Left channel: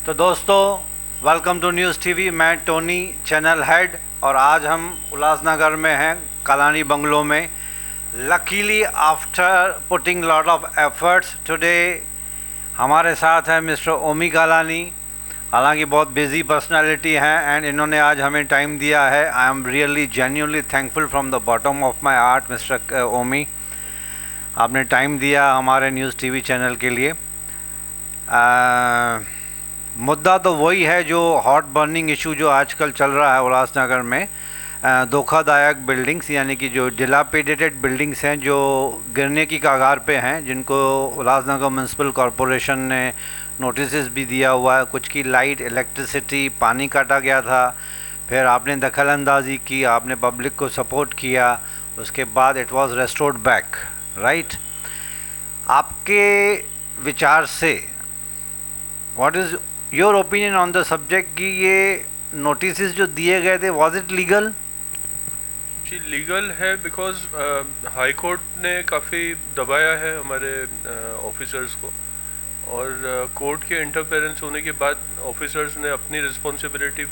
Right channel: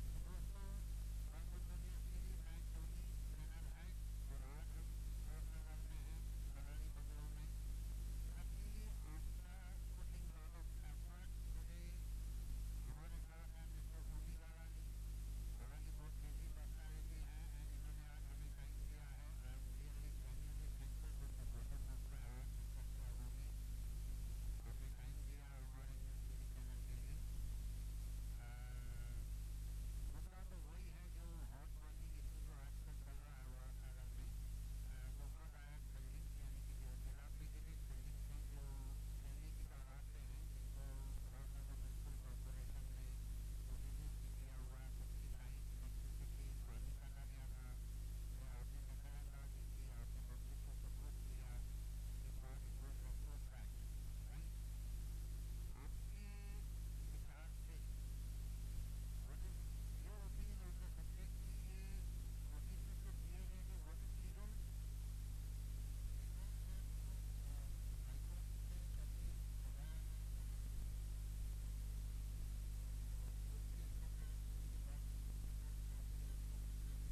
तो दोस्तों, welcome to news TV. मैं टोनी, चैनल हेड, और आज हम उल्लासनगर में हैं, कालानी बंगलो में। Luckily after putting lot of efforts today हमारे साथ है मिस्टर ओमी कालानी। हालांकि बहुत बिजी पर्सनालिटी हैं एंड इन्होंने आज हमें टाइम दिया है। I am really genuinely thankful from the bottom of my heart mister Omi, आपने टाइम दिया हमारे न्यूज़ टीवी चैनल के लिए। मुद्दा तो वही है जो हॉट बर्निंग इशू जो आजकल चल रहा है उल्लासनगर में। धोखादायक बिल्डिंग्स, यानी कि जो डिलापिडेटेड बिल्डिंग्स हैं जो गिरने की कगार पे हैं, जिनको उल्लासनगर म्यूनसिपल कॉरपोरेशन ने नोटिस भी दिया हुआ है। कुछ की लाइट, इलेक्ट्रिसिटी, पानी काटा गया था, फिर आपने दखल अंदाजी की, आपने पब्लिक को सपोर्ट किया, उसके बाद it was restored back, right. आपके विचार से what is your opinion on the subject कि ये नोटिस जो दिए गए थे, वाज इट लीगल? जी, लीगल है बिकॉज हाई कोर्ट ने काफ़ी दबाया है हमारे ऑफिसर्स को, और कोर्ट के इंटरफेरेंस होने के बाद ऑफिसर्स ने अपनी रिस्पॉन्सिबिलिटी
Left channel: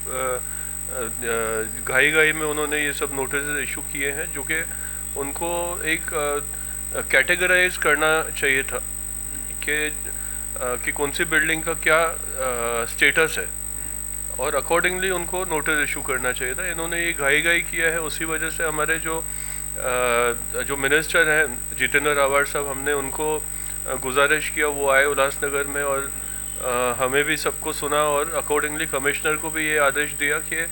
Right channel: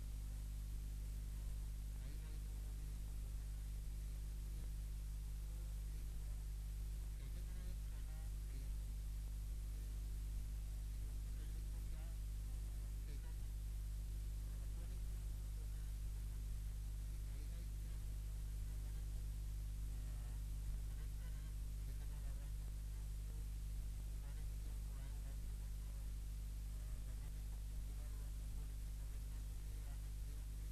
घाई घाई में उन्होंने ये सब नोटिस इशू किए हैं, जो कि उनको एक कैटेगराइज करना चाहिए था कि कौन सी बिल्डिंग का क्या स्टेटस है, और अकॉर्डिंगली उनको नोटिस इशू करना चाहिए था। इन्होंने ये घाई घाई किया है, उसी वजह से हमारे जो मिनिस्टर हैं जितेंद्र रावत साहब, हमने उनको गुजारिश किया वो आए उल्लासनगर में, और हमें भी सबको सुना, और अकॉर्डिंगली कमिश्नर को भी ये आदेश दिया कि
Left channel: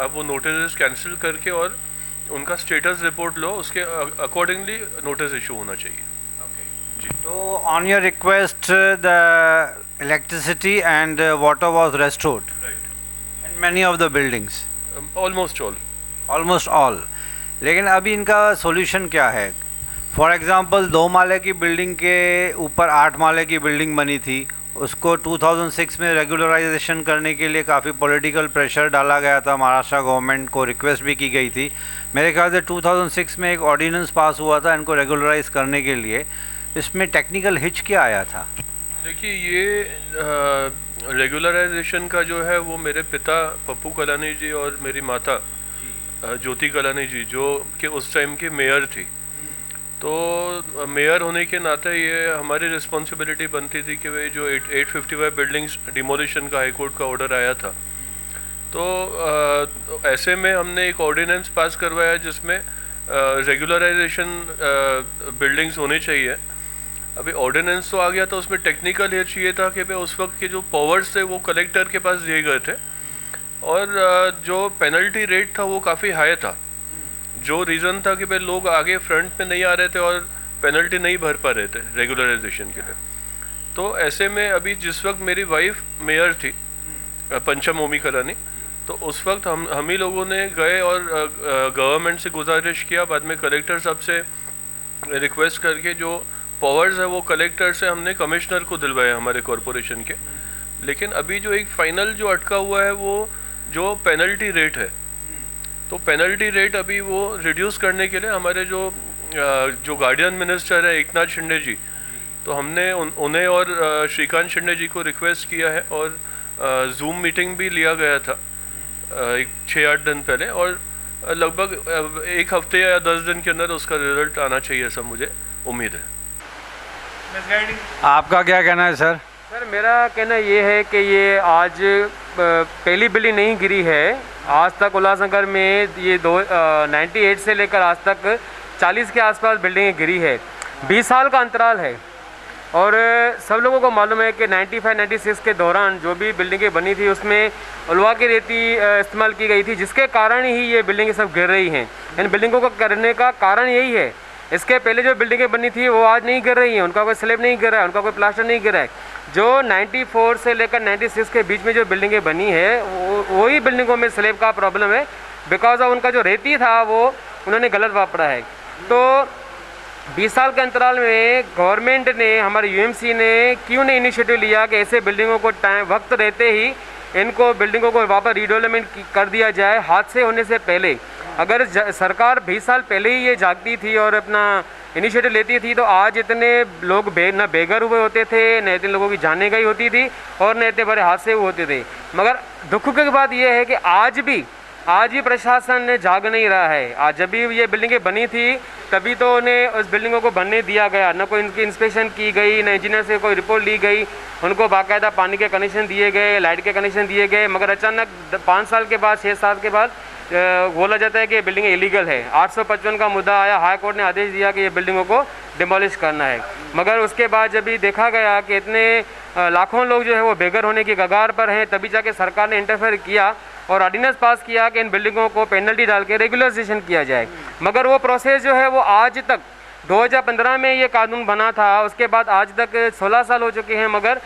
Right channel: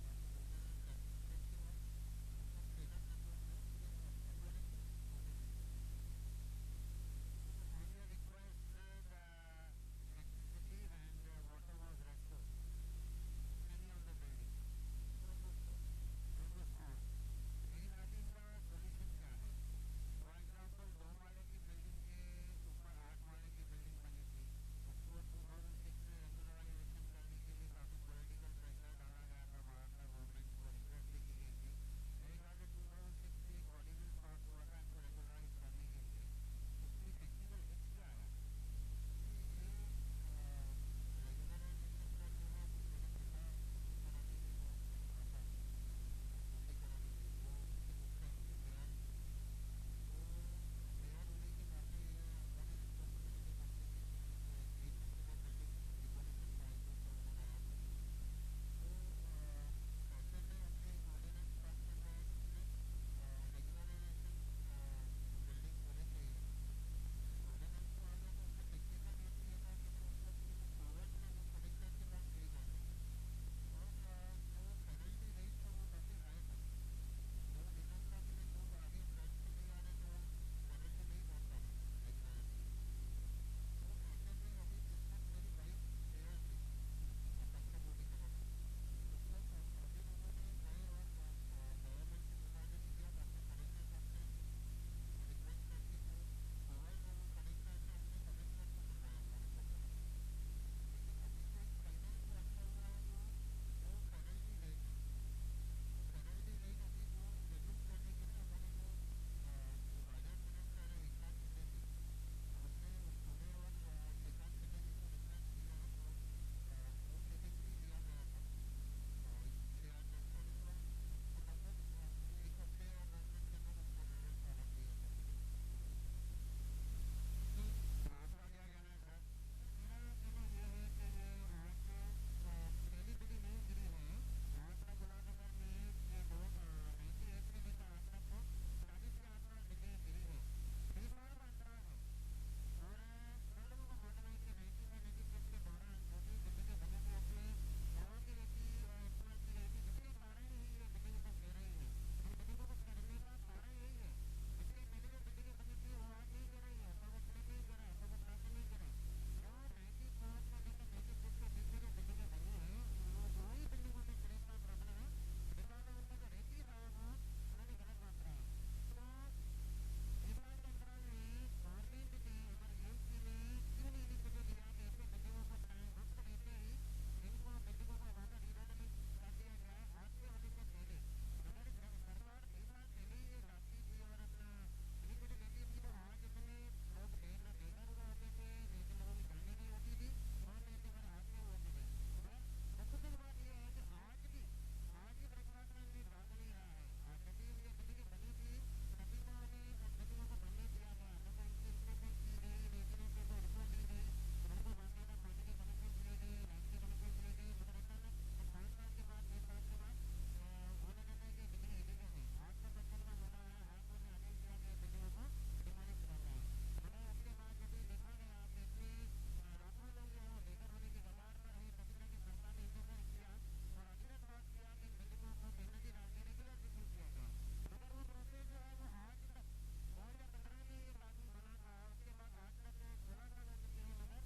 आप वो नोटिस कैंसिल करके और उनका स्टेटस रिपोर्ट लो, उसके अकॉर्डिंगली नोटिस इशू होना चाहिए। So on your request, the electricity and water was restored in many of the buildings. Almost all. Almost all. लेकिन अभी इनका सॉल्यूशन क्या है? फॉर एग्जांपल 2 माले की बिल्डिंग के ऊपर 8 माले की बिल्डिंग बनी थी, उसको 2006 में रेगुलराइजेशन करने के लिए काफ़ी पॉलिटिकल प्रेशर डाला गया था, महाराष्ट्र गवर्नमेंट को रिक्वेस्ट भी की गई थी। मेरे ख्याल से 2006 में एक ऑर्डिनेंस पास हुआ था इनको रेगुलराइज करने के लिए। इसमें टेक्निकल हिच क्या आया था? देखिए, ये रेगुलराइजेशन का जो है वो मेरे पिता पप्पू कलानी जी और मेरी माता ज्योति कलानी जी, जो कि उस टाइम की मेयर थी, तो मेयर होने के नाते ये हमारी रिस्पॉन्सिबिलिटी बनती थी कि भाई जो 855 बिल्डिंग्स डिमोलिशन का हाई कोर्ट का ऑर्डर आया था, तो ऐसे में हमने एक ऑर्डिनेंस पास करवाया जिसमें रेगुलराइजेशन बिल्डिंग्स होनी चाहिए। अभी ऑर्डिनेंस तो आ गया था, उसमें टेक्निकल ये चाहिए था कि भाई उस वक्त के जो पावर्स थे वो कलेक्टर के पास दिए गए थे, और जो पेनल्टी रेट था वो काफ़ी हाई था, जो रीज़न था कि भाई लोग आगे फ्रंट में नहीं आ रहे थे और पेनल्टी नहीं भर पा रहे थे रेगुलराइजेशन के लिए। तो ऐसे में अभी जिस वक्त मेरी वाइफ मेयर थी पंचम ओमी कलानी, तो उस वक्त हम ही लोगों ने गए और गवर्नमेंट से गुजारिश किया, बाद में कलेक्टर साहब से रिक्वेस्ट करके जो पावर्स है वो कलेक्टर से हमने कमिश्नर को दिलवाया हमारे कॉरपोरेशन के। लेकिन अभी जो एक फाइनल जो अटका हुआ है वो जो पेनल्टी रेट है, तो पेनल्टी रेट अभी वो रिड्यूस करने के लिए हमारे जो गार्डियन मिनिस्टर है एकनाथ शिंदे जी, तो हमने उन्हें और श्रीकांत शिंदे जी को रिक्वेस्ट किया है, और जूम मीटिंग भी लिया गया था एक 6-8 दिन पहले, और लगभग 1 हफ्ते या 10 दिन के अंदर उसका रिजल्ट आना चाहिए, ऐसा मुझे उम्मीद है। आपका क्या कहना है सर? सर, मेरा कहना ये है कि ये आज पहली बिल्डिंग नहीं गिरी है। आज तक उल्लासनगर में ये 98 से लेकर आज तक 40 के आसपास बिल्डिंगें गिरी है। 20 साल का अंतराल है, और सब लोगों को मालूम है कि 95-96 के दौरान जो भी बिल्डिंगें बनी थी उसमें उलवा की रेती इस्तेमाल की गई थी, जिसके कारण ही ये बिल्डिंगें सब गिर रही हैं। इन बिल्डिंगों को करने का कारण यही है। इसके पहले जो बिल्डिंगें बनी थी वो आज नहीं गिर रही हैं, उनका कोई स्लैब नहीं गिर रहा है, उनका कोई प्लास्टर नहीं गिरा है। जो 94 से लेकर 96 के बीच में जो बिल्डिंगें बनी है वही बिल्डिंगों में स्लैब का प्रॉब्लम है, बिकॉज ऑफ उनका जो रेती था वो उन्होंने गलत वापरा है। तो 20 साल के अंतराल में गवर्नमेंट ने, हमारे यूएमसी ने क्यों नहीं इनिशिएटिव लिया कि ऐसे बिल्डिंगों को वक्त रहते ही इनको बिल्डिंगों को वापस रीडेवलपमेंट कर दिया जाए हादसे होने से पहले। अगर सरकार 20 साल पहले ही ये जागती थी और अपना इनिशिएटिव लेती थी तो आज इतने लोग न बेघर हुए होते थे, न इतने लोगों की जाने गई होती थी और न इतने बड़े हादसे हुए होते थे। मगर दुख की बात यह है कि आज भी प्रशासन जाग नहीं रहा है। आज जब भी ये बिल्डिंगें बनी थी तभी तो उन्हें उस बिल्डिंगों को बनने दिया गया, न कोई इनकी इंस्पेक्शन की गई, न इंजीनियर से कोई रिपोर्ट ली गई, उनको बाकायदा पानी के कनेक्शन दिए गए, लाइट के कनेक्शन दिए गए। मगर अचानक 5 साल के बाद 6 साल के बाद बोला जाता है कि ये बिल्डिंग इलीगल है। 855 का मुद्दा आया, हाई कोर्ट ने आदेश दिया कि ये बिल्डिंगों को डिमोलिश करना है। मगर उसके बाद जब भी देखा गया कि इतने लाखों लोग जो है वो बेघर होने की कगार पर हैं, तभी जाके सरकार ने इंटरफेयर किया और ऑर्डिनेंस पास किया कि इन बिल्डिंगों को पेनल्टी डाल के रेगुलराइजेशन किया जाए। मगर वो प्रोसेस जो है वो आज तक 2015 में ये कानून बना था, उसके बाद आज तक 16 साल हो चुके हैं। मगर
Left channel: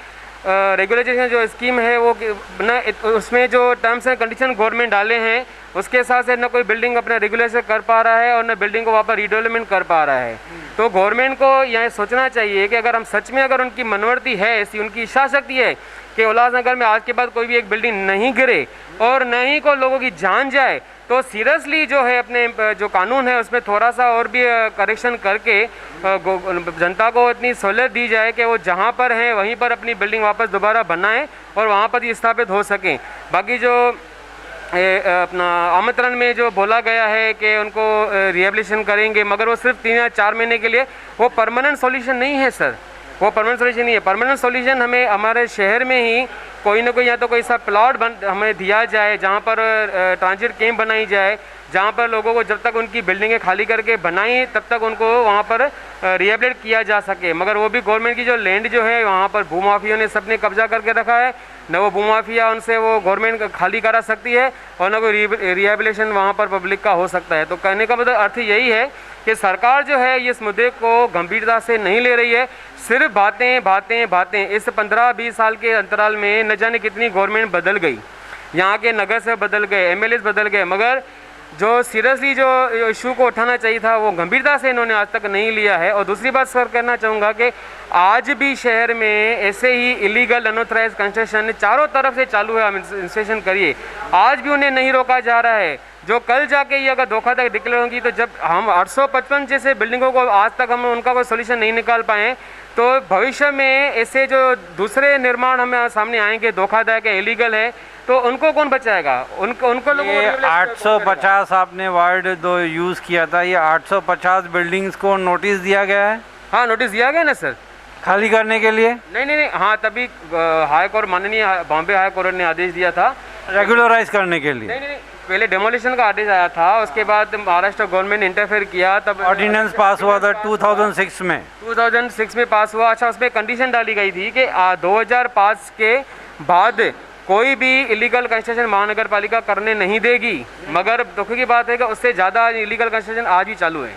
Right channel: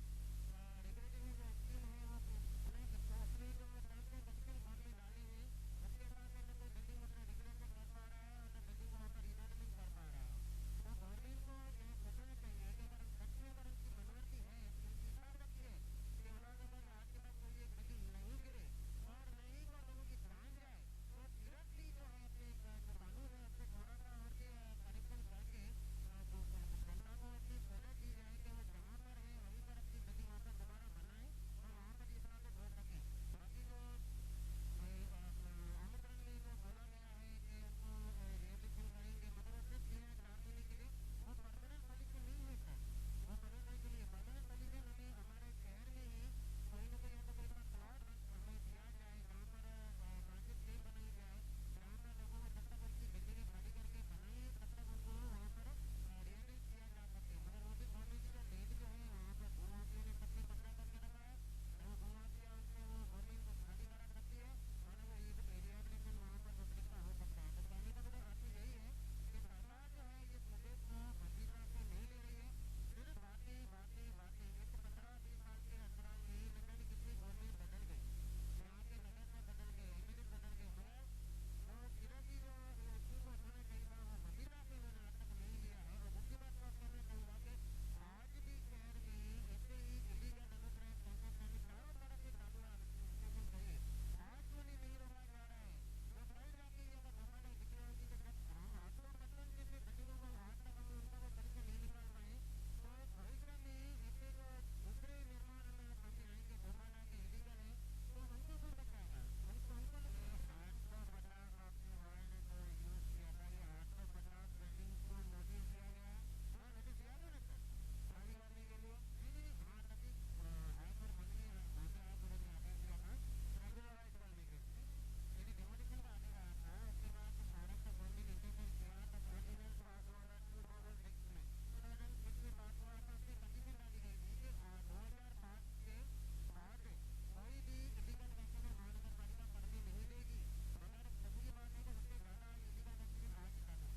रेगुलेशन जो स्कीम है वो न उसमें जो टर्म्स एंड कंडीशन गवर्नमेंट डाले हैं उसके हिसाब से न कोई बिल्डिंग अपना रेगुलेशन कर पा रहा है और न बिल्डिंग को वापस रीडेवलपमेंट कर पा रहा है। तो गवर्नमेंट को यह सोचना चाहिए कि अगर हम सच में अगर उनकी मनोवृत्ति है, ऐसी उनकी इच्छा शक्ति है कि उल्लासनगर में आज के बाद कोई भी एक बिल्डिंग नहीं गिरे और न ही को लोगों की जान जाए, तो सीरियसली जो है अपने जो कानून है उसमें थोड़ा सा और भी करेक्शन करके जनता को इतनी सहूलियत दी जाए कि वो जहाँ पर हैं वहीं पर अपनी बिल्डिंग वापस दोबारा बनाएं और वहाँ पर ही स्थापित हो सकें। बाकी जो अपना आमंत्रण में जो बोला गया है कि उनको रिहेबिलिटेशन करेंगे, मगर वो सिर्फ 3 या 4 महीने के लिए, वो परमानेंट सॉल्यूशन नहीं है सर, वो परमानेंट सॉल्यूशन नहीं है। परमानेंट सॉल्यूशन हमें हमारे शहर में ही कोई ना कोई या तो कोई सा प्लॉट हमें दिया जाए जहाँ पर ट्रांजिट कैंप बनाई जाए, जहाँ पर लोगों को जब तक उनकी बिल्डिंगें खाली करके बनाई तब तक उनको वहाँ पर रिहेबिलिटेट किया जा सके। मगर वो भी गवर्नमेंट की जो लैंड जो है वहाँ पर भूमाफियों ने सबने कब्जा करके रखा है, न वो भूमाफिया उनसे वो गवर्नमेंट खाली करा सकती है और न कोई रिहेबिलिटेशन वहाँ पर पब्लिक का हो सकता है। तो कहने का मतलब अर्थ यही है कि सरकार जो है इस मुद्दे को गंभीरता से नहीं ले रही है, सिर्फ बातें बातें बातें। इस 15-20 साल के अंतराल में न जाने कितनी गवर्नमेंट बदल गई, यहाँ के नगर से बदल गए, MLAs बदल गए, मगर जो सीरियसली जो इशू को उठाना चाहिए था वो गंभीरता से इन्होंने आज तक नहीं लिया है। और दूसरी बात सर कहना चाहूँगा कि आज भी शहर में ऐसे ही इलीगल अनऑथराइज कंस्ट्रक्शन चारों तरफ से चालू है, आप इंस्पेक्शन करिए, आज भी उन्हें नहीं रोका जा रहा है। जो कल जाके ये अगर धोखाधड़ी डिक्लेयर होगी तो जब हम 855 जैसे बिल्डिंगों को आज तक हम उनका कोई सोल्यूशन नहीं निकाल पाए, तो भविष्य में ऐसे जो दूसरे निर्माण हमें सामने आएंगे धोखाधड़ी के इलीगल है, तो उनको कौन बचाएगा? उनको लोगों को 850 आपने वर्ड दो यूज़ किया था, ये 850 बिल्डिंग्स को नोटिस दिया गया है? हाँ, नोटिस दिया गया ना सर, खाली करने के लिए। नहीं, हाँ तभी हाई कोर्ट, माननीय बॉम्बे हाई कोर्ट ने आदेश दिया था रेगुलराइज करने के लिए। नहीं, पहले डेमोलिशन का आदेश आया था, उसके बाद महाराष्ट्र गवर्नमेंट इंटरफेयर किया, तब ऑर्डिनेंस पास हुआ था 2006 में। 2006 में पास हुआ। अच्छा, उसमें कंडीशन डाली गई थी कि 2005 के बाद कोई भी इलीगल कंस्ट्रक्शन महानगर पालिका करने नहीं देगी। मगर दुख की बात है कि उससे ज़्यादा इलीगल कंस्ट्रक्शन आज भी चालू है।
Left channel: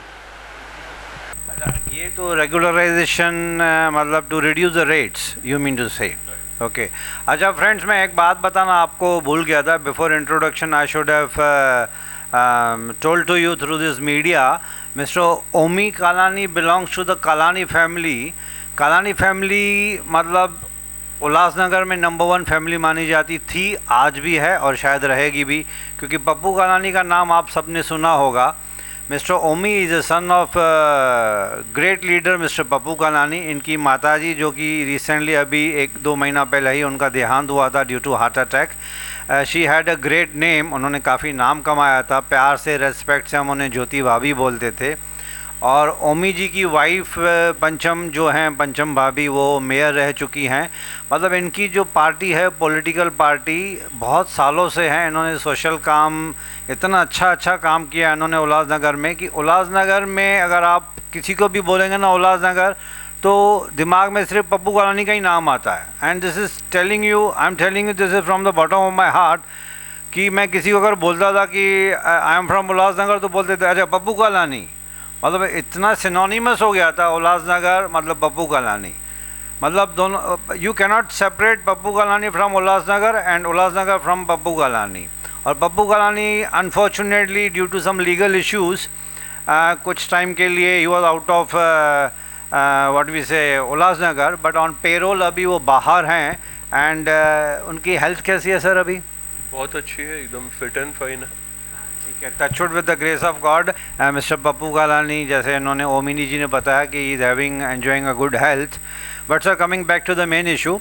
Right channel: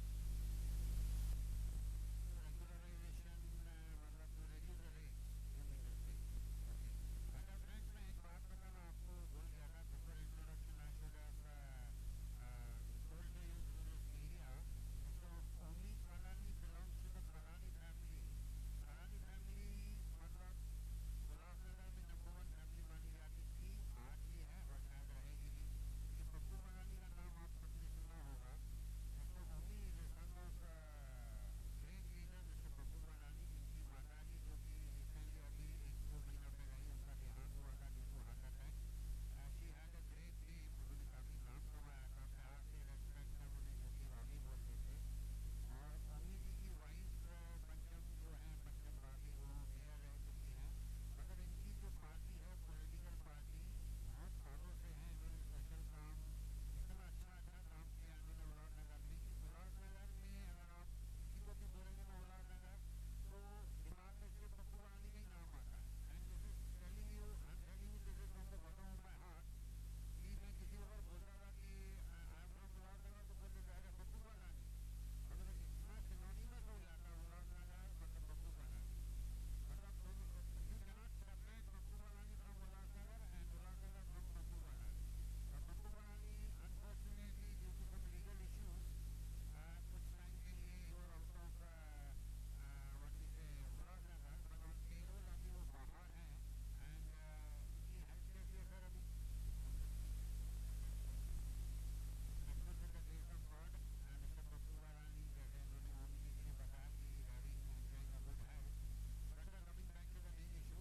ये तो रेगुलराइजेशन मतलब to reduce the rates, you mean to say? Okay. अच्छा फ्रेंड्स, मैं एक बात बताना आपको भूल गया था before introduction. I should have told to you through this media, mister Omi Kalani belongs to the Kalani family. Kalani family मतलब उल्लासनगर में नंबर 1 फैमिली मानी जाती थी, आज भी है और शायद रहेगी भी, क्योंकि पप्पू कालानी का नाम आप सबने सुना होगा। Mister Omi is a son of great leader mister Pappu Kalani. इनकी माताजी जो कि रिसेंटली अभी 1-2 महीना पहले ही उनका देहांत हुआ था due to heart attack. She had a great name, उन्होंने काफ़ी नाम कमाया था, प्यार से रेस्पेक्ट से हम उन्हें ज्योति भाभी बोलते थे। और ओमी जी की वाइफ पंचम जो हैं, पंचम भाभी, वो मेयर रह चुकी हैं। मतलब इनकी जो पार्टी है, पॉलिटिकल पार्टी, बहुत सालों से है। इन्होंने सोशल काम इतना अच्छा काम किया इन्होंने उल्लासनगर में कि उल्लासनगर में अगर आप किसी को भी बोलेंगे ना उल्लासनगर, तो दिमाग में सिर्फ पप्पू कालानी का ही नाम आता है। And this is telling you, I am telling you this is from the bottom of my heart, कि मैं किसी को अगर बोलता था कि आई एम फ्रॉम उल्लासनगर तो बोलते थे अच्छा पप्पू कालानी। मतलब इतना सिनोनिमस हो गया था उल्लासनगर मतलब पप्पू कालानी। मतलब दोनों, you cannot separate Pappu Kalani from Ulhasnagar and Ulhasnagar from Pappu Kalani. और Pappu Kalani unfortunately due to some legal issues कुछ टाइम के लिए he was out of what we say Ulhasnagar, but on payroll अभी वो बाहर हैं। एंड उनकी हेल्थ कैसी है सर अभी? बहुत अच्छी है, एकदम फिट एंड फाइन है। ठीक है, touchwood with the grace of God. Mister Pappu Kalani, जैसे इन्होंने ओमिनी जी ने बताया कि he is having enjoying a good health. But sir, coming back to the main issue,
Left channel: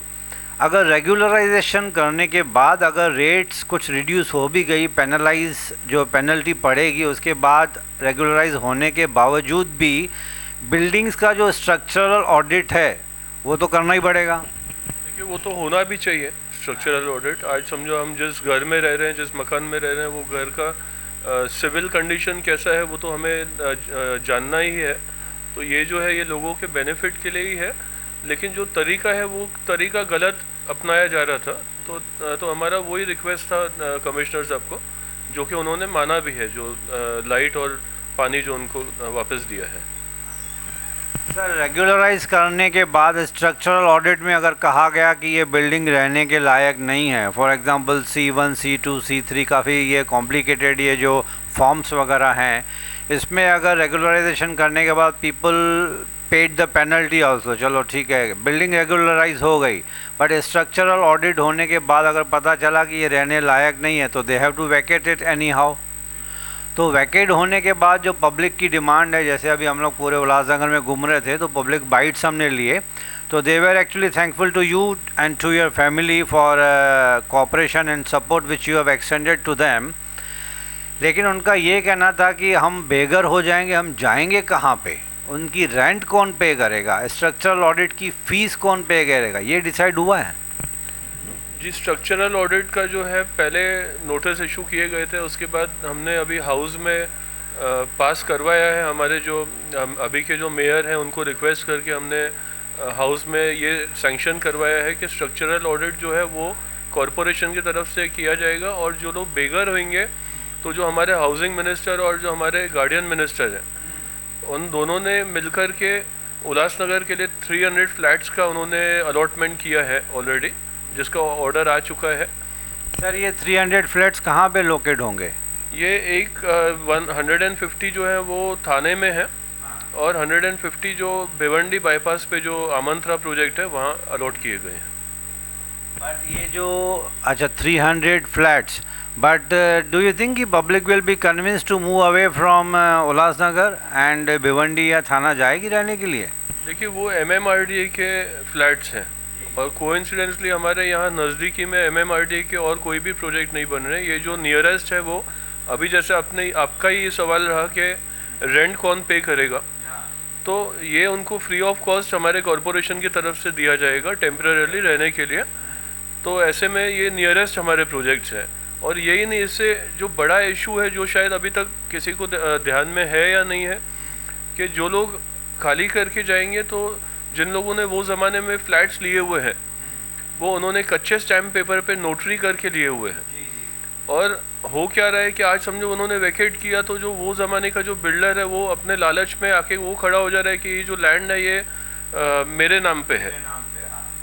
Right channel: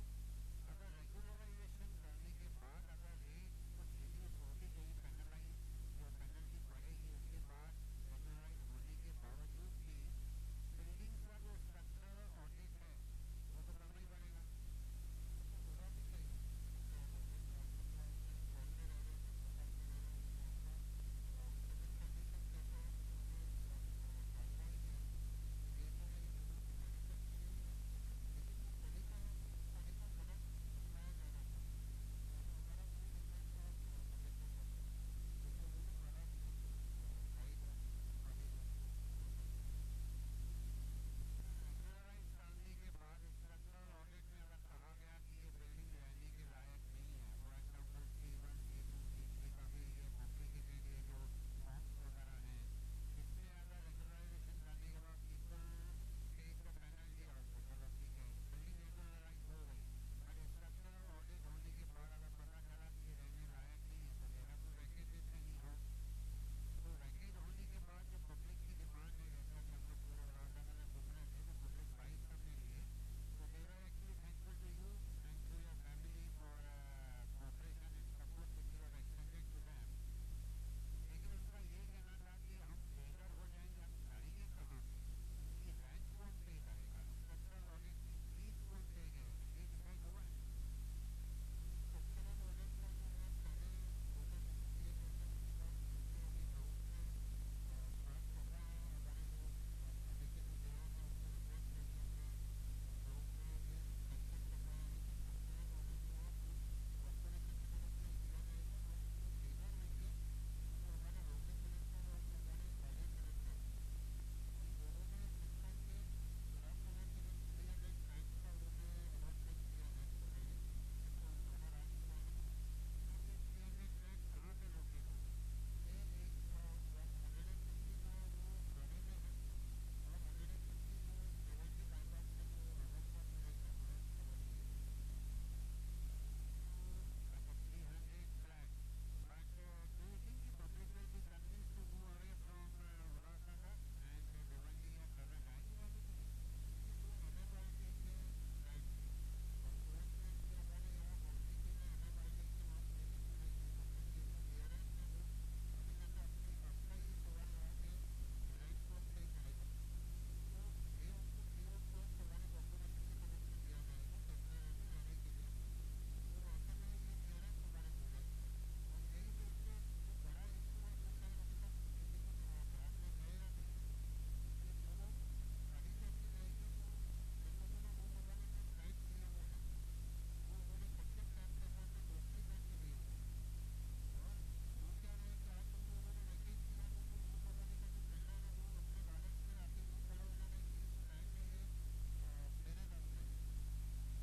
अगर रेगुलराइजेशन करने के बाद अगर रेट्स कुछ रिड्यूस हो भी गई, पेनलाइज जो पेनल्टी पड़ेगी, उसके बाद रेगुलराइज होने के बावजूद भी बिल्डिंग्स का जो स्ट्रक्चरल ऑडिट है वो तो करना ही पड़ेगा। देखिए, वो तो होना भी चाहिए स्ट्रक्चरल ऑडिट। आज समझो हम जिस घर में रह रहे हैं, जिस मकान में रह रहे हैं, वो घर का सिविल कंडीशन कैसा है वो तो हमें जानना ही है। तो ये जो है ये लोगों के बेनिफिट के लिए ही है, लेकिन जो तरीका है वो तरीका गलत अपनाया जा रहा था। तो हमारा वही रिक्वेस्ट था कमिश्नर साहब को, जो कि उन्होंने माना भी है, जो लाइट और पानी जो उनको वापस दिया है। सर, रेगुलराइज करने के बाद स्ट्रक्चरल ऑडिट में अगर कहा गया कि ये बिल्डिंग रहने के लायक नहीं है, for example C1, C2, C3, काफ़ी ये कॉम्प्लिकेटेड ये जो फॉर्म्स वगैरह हैं, इसमें अगर रेगुलराइजेशन करने के बाद people paid the penalty also, चलो ठीक है, बिल्डिंग रेगुलराइज हो गई, बट स्ट्रक्चरल ऑडिट होने के बाद अगर पता चला कि ये रहने लायक नहीं है तो they have to vacate it anyhow. तो वैकेट होने के बाद जो पब्लिक की डिमांड है, जैसे अभी हम लोग पूरे उल्लासनगर में घूम रहे थे तो पब्लिक बाइट्स हमने लिए, तो they were actually thankful to you and to your family for cooperation and support which you have extended to them. लेकिन उनका ये कहना था कि हम बेघर हो जाएंगे, हम जाएंगे कहाँ पे, उनकी रेंट कौन पे करेगा, स्ट्रक्चरल ऑडिट की फ़ीस कौन पे करेगा, ये डिसाइड हुआ है? जी, स्ट्रक्चरल ऑडिट का जो है पहले नोटिस इशू किए गए थे, उसके बाद हमने अभी हाउस में पास करवाया है। हमारे जो अभी के जो मेयर हैं उनको रिक्वेस्ट करके हमने हाउस में ये सैंक्शन करवाया है कि स्ट्रक्चरल ऑडिट जो है वो कॉरपोरेशन की तरफ से किया जाएगा, और जो लोग बेघर होंगे तो जो हमारे हाउसिंग मिनिस्टर और जो हमारे गार्डियन मिनिस्टर हैं, उन दोनों ने मिलकर के उल्लासनगर के लिए 300 फ्लैट्स का उन्होंने अलॉटमेंट किया है ऑलरेडी, जिसका ऑर्डर आ चुका है। सर, ये 300 फ्लैट्स कहाँ पे लोकेट होंगे? ये एक 150 जो है वो थाने में है, और 150 जो भिवंडी बाईपास पे जो आमंत्रा प्रोजेक्ट है वहाँ अलॉट किए गए हैं। बट ये जो अच्छा 300 flats, but do you think कि public will be convinced to move away from Ulhasnagar and Bhiwandi या थाना जाएगी रहने के लिए? देखिए, वो MMRDA के फ्लैट्स हैं, और कोइंसिडेंटली हमारे यहाँ नज़दीकी में MMRDA के और कोई भी प्रोजेक्ट नहीं बन रहे। ये जो नियरेस्ट है वो अभी, जैसे आपका ही सवाल रहा कि रेंट कौन पे करेगा, तो ये उनको फ्री ऑफ कॉस्ट हमारे कॉरपोरेशन की तरफ से दिया जाएगा टेम्परेरी रहने के लिए। तो ऐसे में ये नियरेस्ट हमारे प्रोजेक्ट्स हैं। और यही नहीं, इससे जो बड़ा इशू है जो शायद अभी तक किसी को ध्यान में है या नहीं है, कि जो लोग खाली करके जाएंगे, तो जिन लोगों ने वो ज़माने में फ्लैट्स लिए हुए हैं वो उन्होंने कच्चे स्टैम्प पेपर पे नोटरी करके लिए हुए हैं, और हो क्या रहा है कि आज समझो उन्होंने वैकेट किया तो जो वो ज़माने का जो बिल्डर है वो अपने लालच में आके वो खड़ा हो जा रहा है कि ये जो लैंड है ये मेरे नाम पे है।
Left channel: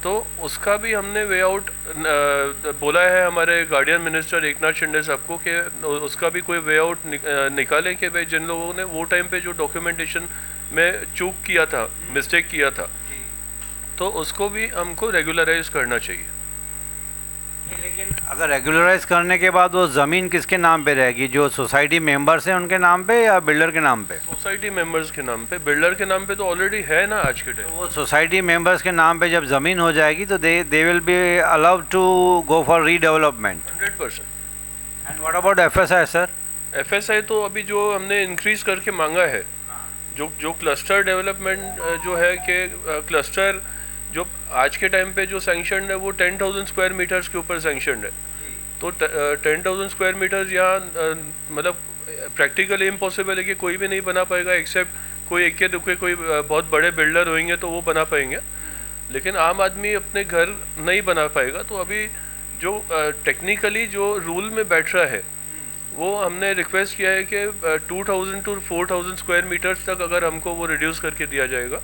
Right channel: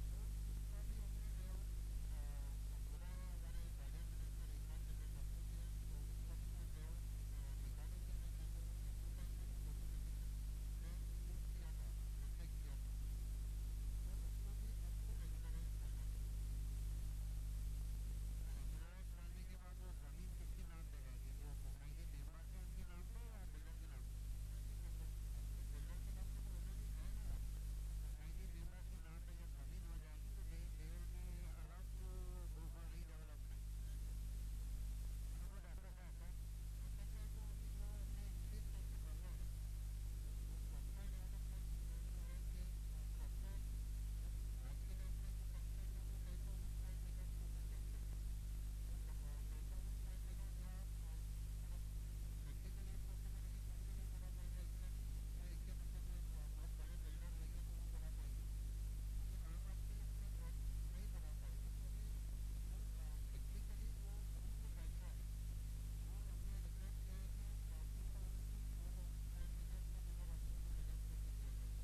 तो उसका भी हमने वे आउट बोला है हमारे गार्डियन मिनिस्टर एकनाथ शिंदे साहब को, कि उसका भी कोई वे आउट निकालें कि भाई जिन लोगों ने वो टाइम पे जो डॉक्यूमेंटेशन में चूक किया था, मिस्टेक किया था, तो उसको भी हमको रेगुलराइज करना चाहिए। लेकिन अगर रेगुलराइज करने के बाद वो ज़मीन किसके नाम पे रहेगी? जो सोसाइटी मेंबर्स हैं उनके नाम पे या बिल्डर के नाम पे? सोसाइटी मेंबर्स के नाम पे। बिल्डर के नाम पे तो ऑलरेडी है ना आज के टाइम। वो सोसाइटी मेंबर्स के नाम पे जब ज़मीन हो जाएगी तो they will be allowed to go for redevelopment 100%। And what about FSI sir? FSI तो अभी जो हमने इंक्रीज करके मांगा है, जो क्लस्टर डेवलपमेंट जो है कि क्लस्टर जो आज के टाइम पे जो सैंक्शन है वो 10,000 स्क्वायर मीटर्स के ऊपर सैंक्शन है। तो 10,000 स्क्वायर मीटर्स यहाँ मतलब प्रैक्टिकली इम्पॉसिबल है कि कोई भी नहीं बना पाएगा, एक्सेप्ट कोई इक्के दुक्के कोई बहुत बड़े बिल्डर होंगे तो वो बना पाएंगे, लेकिन आम आदमी अपने घर नहीं बना पाएगा। तो अभी जो टेक्निकली जो रूल में बैठ रहा है वो हमने रिक्वेस्ट किया है कि 2,000 to 4,000 स्क्वायर मीटर्स तक अगर हमको वो रिड्यूस करके दिया जाएगा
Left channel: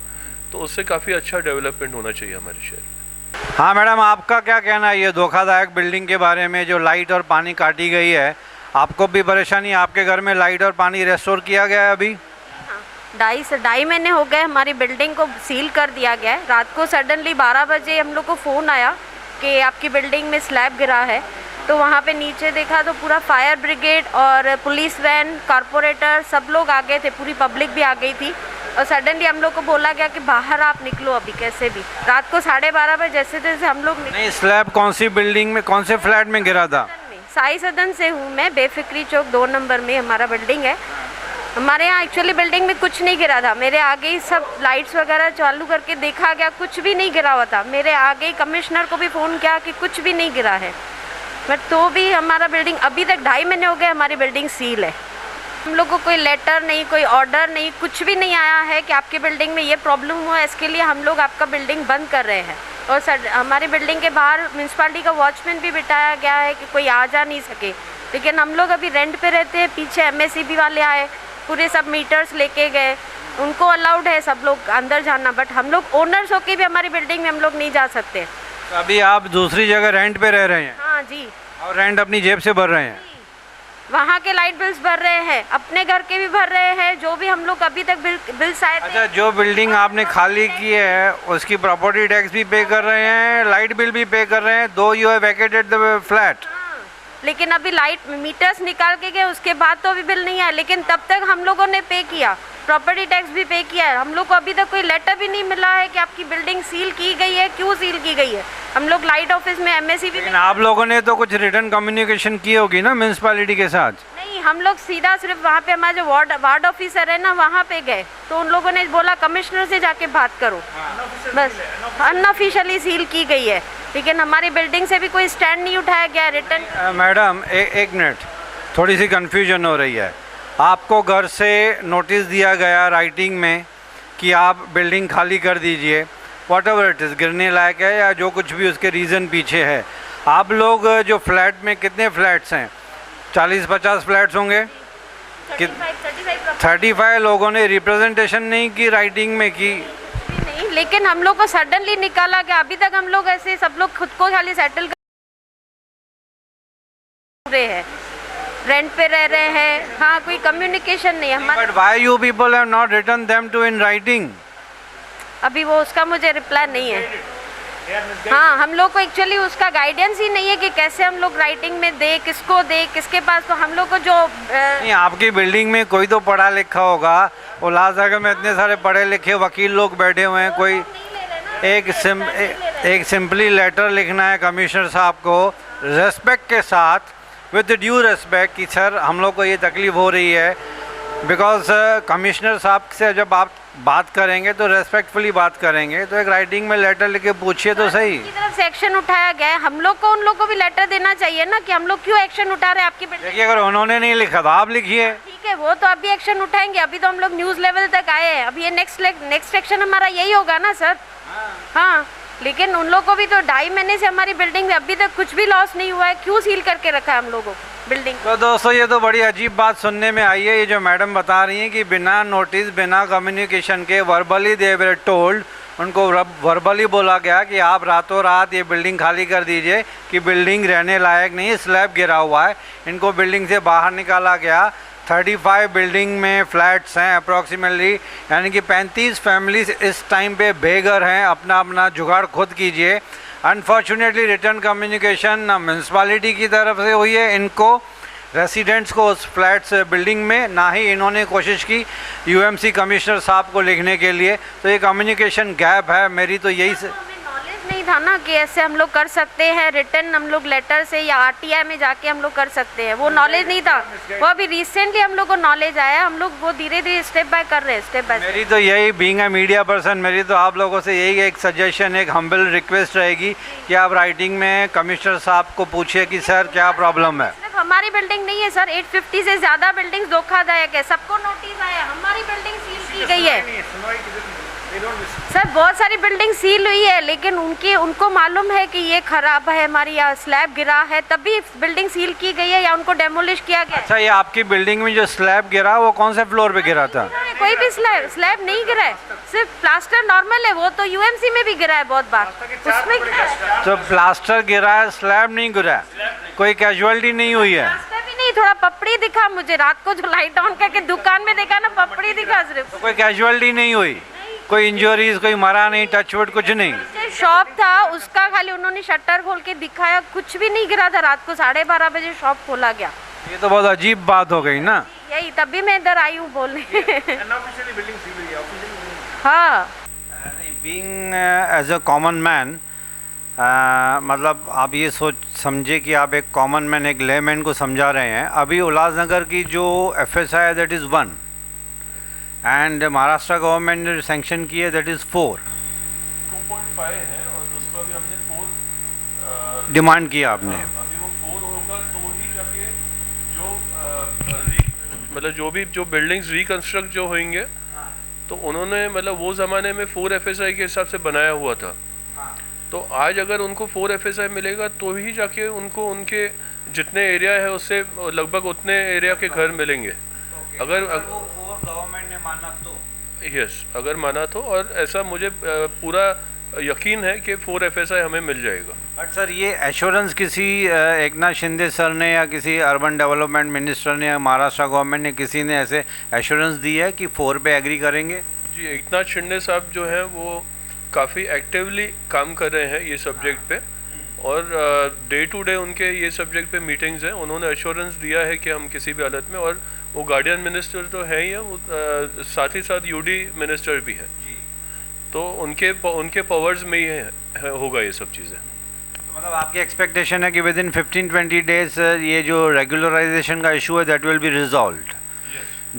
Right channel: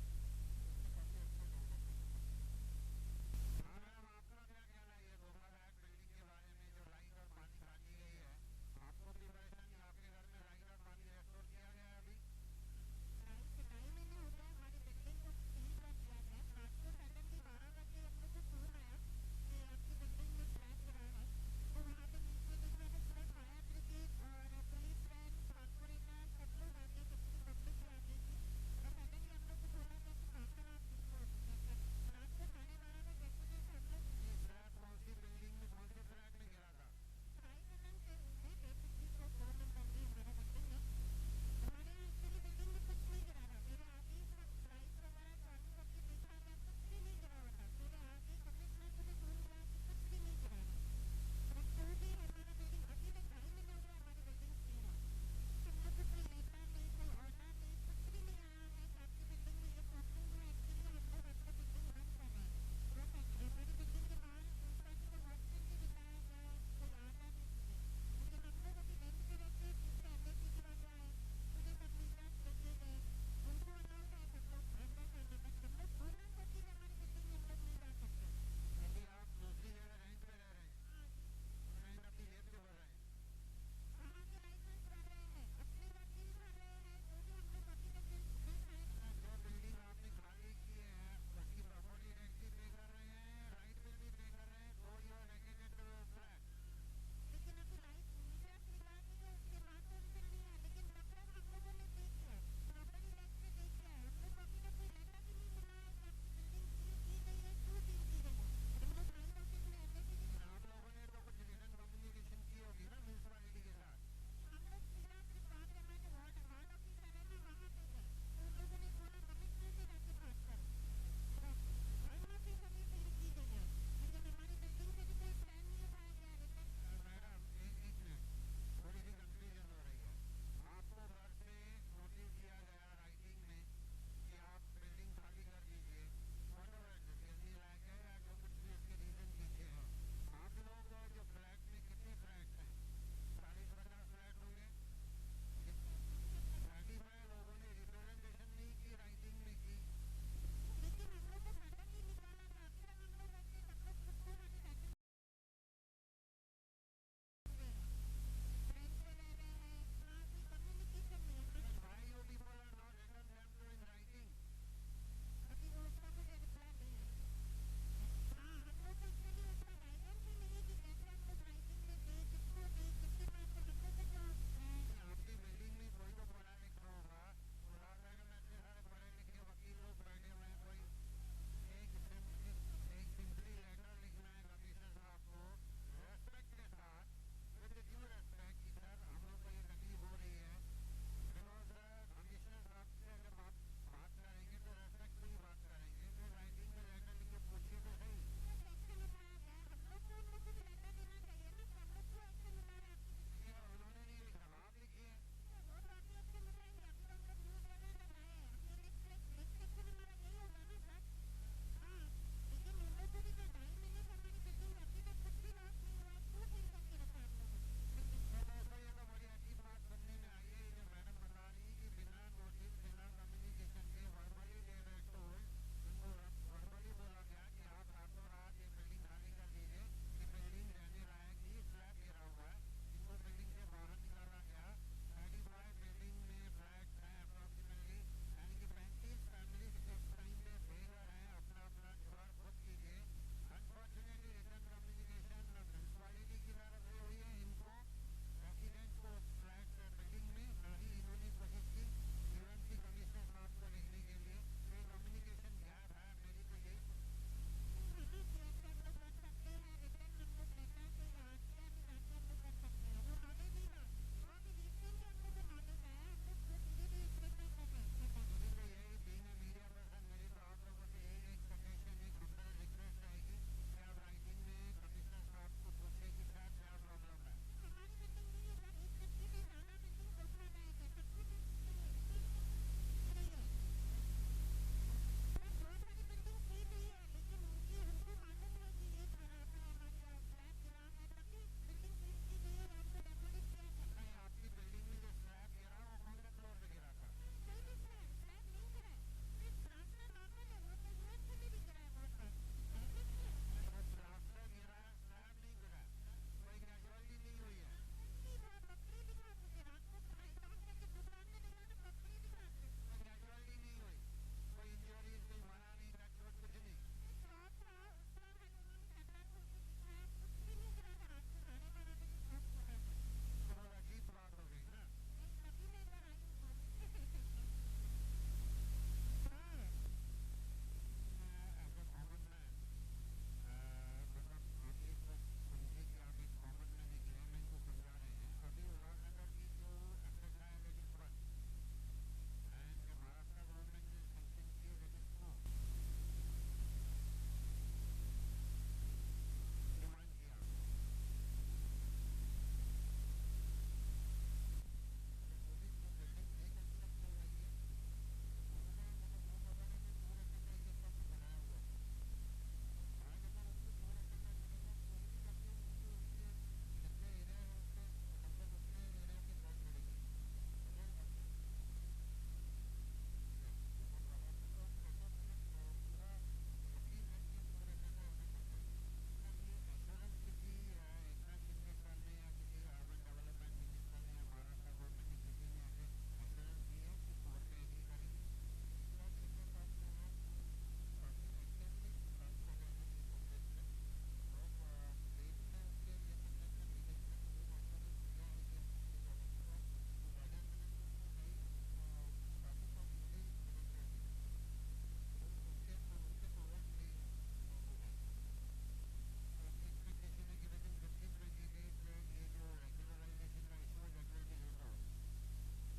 तो उससे काफ़ी अच्छा डेवलपमेंट होना चाहिए हमारे शहर में। हाँ मैडम, आपका क्या कहना है ये धोखादायक बिल्डिंग के बारे में, जो लाइट और पानी काटी गई है? आपको भी परेशानी? आपके घर में लाइट और पानी रेस्टोर किया गया है अभी? हाँ, 2.5 महीने हो गए हमारी बिल्डिंग को सील कर दिया गया है। रात को सडनली 12 बजे हम लोग को फ़ोन आया कि आपकी बिल्डिंग में स्लैब गिरा है। तो वहाँ पे नीचे देखा तो पूरा फायर ब्रिगेड और पुलिस वैन, कॉरपोरेटर सब लोग आ गए थे, पूरी पब्लिक भी आ गई थी। और सडनली हम लोग को बोला गया कि बाहर आप निकलो अभी कैसे भी। रात को 12:30 बजे जैसे तैसे हम लोग नहीं, स्लैब कौन सी बिल्डिंग में, कौन से फ्लैट में गिरा था? साई सदन से हूँ मैं, बेफिक्री चौक 2 नंबर में हमारा बिल्डिंग है। हमारे यहाँ एक्चुअली बिल्डिंग में कुछ नहीं गिरा था। मेरे आगे ही सब लाइट्स वगैरह चालू करके देखा गया, कुछ भी नहीं गिरा हुआ था। मेरे आगे ही कमिश्नर को भी फ़ोन किया कि कुछ भी नहीं गिरा है, बट तो भी हमारा बिल्डिंग अभी तक 2.5 महीने हो गए हमारी बिल्डिंग सील है। हम लोग को कोई लेटर नहीं, कोई ऑर्डर नहीं, कुछ भी नहीं आया है कि आपकी बिल्डिंग में ये प्रॉब्लम हुआ है, इसके लिए हम लोग आपका बिल्डिंग बंद कर रहे हैं। और सर हमारी बिल्डिंग के बाहर म्यूनसिपालिटी का वॉचमैन भी बिठाया गया है कि कोई आ जा नहीं सके। लेकिन हम लोग अभी रेंट पे रहते हैं, पीछे MSCB वाले आए, पूरे सब मीटर्स लेके गए, उनको अलाउड है सब लोग अंदर जाना, बट हम लोग ओनर्स होके भी हमारी बिल्डिंग में हम लोग नहीं जा सकते। तो अभी आप दूसरी जगह रेंट पे रह रहे हैं? हाँ जी। और रेंट अपनी जेब से भर रहे हैं? वहाँ के लाइट बिल्स भर रहे हैं, अपने घर के भी भर रहे हैं, जो भी हम लोग अभी तक बिल्स आए थे। अच्छा, जो बिल्डिंग आपने खाली की है उसकी प्रॉपर्टी टैक्स भी पे कर रहे हैं, लाइट बिल भी पे कर रहे हैं, दो you have vacated the flat. लेकिन अभी लाइट मीटर्स निकाल के गए, उसके बाद तो अभी बिल नहीं आया, लेकिन तब तक हम लोगों ने पे किया, प्रॉपर्टी टैक्स भी पे किया है। हम लोग को अभी तक कोई लेटर भी नहीं मिला है कि आपकी बिल्डिंग सील की गई है, क्यों सील की गई है। हम लोग लाइट ऑफिस में MSCB लेकिन आप लोगों ने तो कुछ रिटर्न कम्युनिकेशन की होगी ना म्यूनसिपैलिटी के साथ? नहीं, हम लोग सीधा सिर्फ वहाँ पे हमारे जो वार्ड ऑफिसर है ना, वहाँ पे गए, तो उन लोगों ने बोला कमिश्नर से जाके बात करो, बस। अनऑफिशियली सील की गई है, लेकिन हमारी बिल्डिंग से भी कोई स्टैंड नहीं उठाया गया रिटर्न। मैडम एक मिनट, थोड़ी सी कन्फ्यूजन हो रही है। आपको घर से नोटिस दिया गया राइटिंग में कि आप बिल्डिंग खाली कर दीजिए, वॉट एवर इट इज़, गिरने लायक है या जो कुछ भी उसके रीज़न पीछे है। आप लोग जो फ्लैट में, कितने फ्लैट्स हैं? 40-50 फ्लैट्स होंगे। 35 लोगों ने रिप्रेजेंटेशन नहीं की, राइटिंग में की नहीं, लेकिन हम लोग को सडनली निकाला गया। अभी तक हम लोग ऐसे सब लोग खुद को खाली सेटल कर रहे हैं, रेंट पे रह रहे हैं। हाँ, कोई कम्युनिकेशन नहीं है हमारा। But why you people have not written them to in writing? अभी वो उसका मुझे रिप्लाई नहीं है। हाँ, हम लोग को एक्चुअली उसका गाइडेंस ही नहीं है कि कैसे हम लोग राइटिंग में दे, किसको दे, किसके पास। तो हम लोग को जो नहीं, आपकी बिल्डिंग में कोई तो पढ़ा लिखा होगा। उल्लासनगर में इतने सारे पढ़े लिखे वकील लोग बैठे हुए हैं, कोई एक सिंपली लेटर लिखना है कमिश्नर साहब को रेस्पेक्ट के साथ, विद ड्यू रेस्पेक्ट, कि सर हम लोग को ये तकलीफ़ हो रही है। बिकॉज कमिश्नर साहब से जब आप बात करेंगे तो रेस्पेक्टफुली बात करेंगे, तो एक राइटिंग में लेटर लिख के पूछिए तो सही। की तरफ से एक्शन उठाया गया है, हम लोग को उन लोग को भी लेटर देना चाहिए ना कि हम लोग क्यों एक्शन उठा रहे हैं आपकी बिल्डिंग। देखिए, अगर उन्होंने नहीं लिखा तो आप लिखिए। ठीक है, वो तो अभी एक्शन उठाएंगे। अभी तो हम लोग न्यूज़ लेवल तक आए हैं, अब ये नेक्स्ट एक्शन हमारा यही होगा ना सर। हाँ, लेकिन उन लोग को भी तो 2.5 महीने से हमारी बिल्डिंग में अभी तक कुछ भी लॉस नहीं हुआ है, क्यों सील करके रखा है हम लोगों को बिल्डिंग? तो दोस्तों, ये तो बड़ी अजीब बात सुनने में आई है। ये जो मैडम बता रही हैं कि बिना नोटिस, बिना कम्युनिकेशन के वर्बली दे वर टोल्ड, उनको वर्बली बोला गया कि आप रातों रात ये बिल्डिंग खाली कर दीजिए कि बिल्डिंग रहने लायक नहीं, स्लैब गिरा हुआ है। इनको बिल्डिंग से बाहर निकाला गया। 35 बिल्डिंग में फ्लैट्स हैं अप्रॉक्सीमेटली, यानी कि 35 फैमिलीज इस टाइम पे बेघर हैं। अपना अपना जुगाड़ खुद कीजिए। अनफॉर्चुनेटली रिटर्न कम्युनिकेशन ना म्यूनसिपालिटी की तरफ से हुई है इनको, रेसिडेंट्स को उस फ्लैट्स बिल्डिंग में, ना ही इन्होंने कोशिश की UMC कमिश्नर साहब को लिखने के लिए। तो ये कम्युनिकेशन गैप है। मेरी तो यही नॉलेज नहीं था ना कि ऐसे हम लोग कर सकते हैं, रिटर्न हम लोग लेटर से या RTI में जाके हम लोग कर सकते हैं, वो नॉलेज नहीं था। वो अभी रिसेंटली हम लोग को नॉलेज आया, हम लोग वो धीरे धीरे स्टेप बाय कर रहे हैं, स्टेप बाय। मेरी तो यही, बीइंग अ मीडिया पर्सन, मेरी तो आप लोगों से यही एक सजेशन, एक हम्बल रिक्वेस्ट रहेगी कि आप राइटिंग में कमिश्नर साहब को पूछिए कि सर क्या प्रॉब्लम है। सिर्फ हमारी बिल्डिंग नहीं है सर, 850 से ज़्यादा बिल्डिंग धोखादायक है, सबको नोटिस आया। हमारी बिल्डिंग सील की गई है सर, बहुत सारी बिल्डिंग सील हुई है, लेकिन उनको मालूम है कि ये खराब है, हमारी यहाँ स्लैब गिरा है, तभी बिल्डिंग सील की गई है या उनको डेमोलिश किया गया। अच्छा, ये आपकी बिल्डिंग में जो स्लैब गिरा वो कौन से फ्लोर पे गिरा था? कोई भी स्लैब नहीं गिरा है, सिर्फ प्लास्टर नॉर्मल है। वो तो UMC में भी गिरा है बहुत बार, उसमें गिरा है। तो प्लास्टर गिरा है, स्लैब नहीं गिरा है, कोई कैजुअलिटी नहीं हुई है? प्लास्टर भी नहीं, थोड़ा पपड़ी दिखा मुझे रात को, जो लाइट ऑन करके दुकान में देखा ना, पपड़ी दिखा सिर्फ। तो कोई कैजुअलिटी नहीं हुई? कोई इंजरीज, कोई मरा नहीं, टचवुड कुछ नहीं। शॉप था उसका खाली उन्होंने शटर खोल के दिखाया, कुछ भी नहीं गिरा था। रात को 12:30 बजे शॉप खोला गया। ये तो बहुत अजीब बात हो गई ना। यही तभी मैं इधर आई हूँ बोलने। हाँ, being as a common man, मतलब आप ये सोच समझे कि आप एक कॉमन मैन, एक लेमैन को समझा रहे हैं। अभी उल्लासनगर की जो FSI है that is 1 and Maharashtra government ने सैंक्शन की है दैट इज़ 4। 2.5 है और उसको अभी हमने 4 डिमांड किया आपने। अभी वो 4 होगा तो ही जाके मतलब जो बिल्डिंग्स रिकंस्ट्रक्ट जो होंगे तो उन्होंने मतलब वो ज़माने में 4 FSI के हिसाब से बनाया हुआ था। तो आज अगर उनको 4 FSI मिलेगा तो ही जाके उनको उनके जितने एरिया है उससे लगभग उतने एरिया के घर मिलेंगे। अगर गवर्नमेंट ने माना तो यस, अगर माना तो, और ऐसा मुझे पूरा यकीन है कि 4 FSI हमें मिल जाएगा। बट सर ये एश्योरेंस किसी एकनाथ शिंदे सर ने या किसी अर्बन डेवलपमेंट मिनिस्टर ने या महाराष्ट्र गवर्नमेंट ने किसी ने ऐसे एश्योरेंस दी है कि 4 पे एग्री करेंगे? जी, एकनाथ शिंदे साहब जो हैं वो काफ़ी एक्टिवली काम कर रहे हैं ये सब्जेक्ट पे, और डे टू डे उनके ये सब्जेक्ट पे मीटिंग्स हैं। उन्होंने एश्योरेंस दिया है कि हम किसी भी हालत में, और वो गार्डियन मिनिस्टर तो है ही है, वो साथ ही साथ UD मिनिस्टर भी हैं, तो उनके पावर्स में ही होगा ये सब चीज़ें। तो मतलब आपकी एक्सपेक्टेशन है कि विद इन 15-20 डेज ये जो रेगुलराइजेशन का इशू है that will be resolved,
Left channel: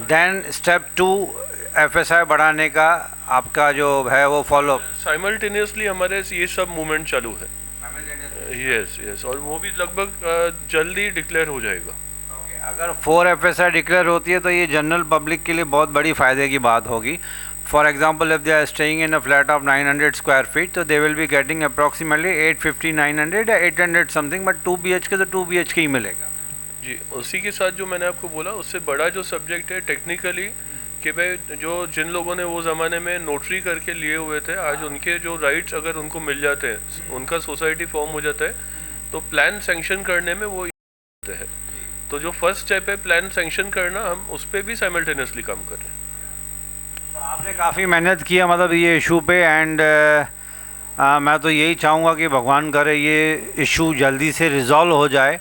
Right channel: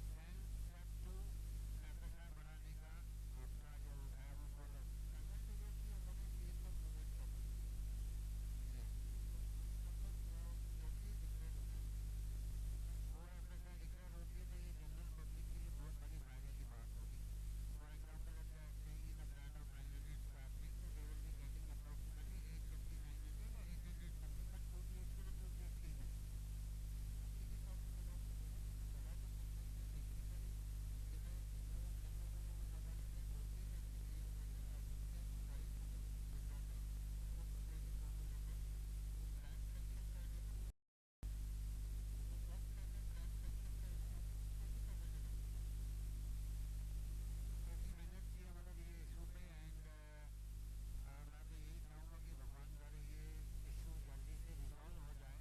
then step 2 FSI बढ़ाने का आपका जो है वो फॉलो? साइमल्टेनियसली हमारे ये सब मूवमेंट चालू है। यस, और वो भी लगभग जल्दी डिक्लेयर हो जाएगा। अगर 4 FSI डिक्लेयर होती है तो ये जनरल पब्लिक के लिए बहुत बड़ी फ़ायदे की बात होगी। For example if they are staying in a flat of 900 square feet तो they will be getting approximately 850, 900 या 800 समथिंग, बट 2 BHK तो 2 BHK ही मिलेगा। जी, उसी के साथ जो मैंने आपको बोला उससे बड़ा जो सब्जेक्ट है टेक्निकली, कि भाई जिन लोगों ने वो ज़माने में नोटरी करके लिए हुए थे, आज उनके जो राइट्स अगर उनको मिल जाते हैं, उनका सोसाइटी फॉर्म हो जाता है, तो प्लान सेंक्शन करने में वो होते हैं। तो जो फर्स्ट स्टेप है प्लान सेंक्शन करना, हम उस पर भी साइमल्टेनियसली काम कर रहे हैं। तो आपने काफ़ी मेहनत किया मतलब ये इशू पे, एंड मैं तो यही चाहूँगा कि भगवान करे ये इशू जल्दी से रिज़ॉल्व हो जाए,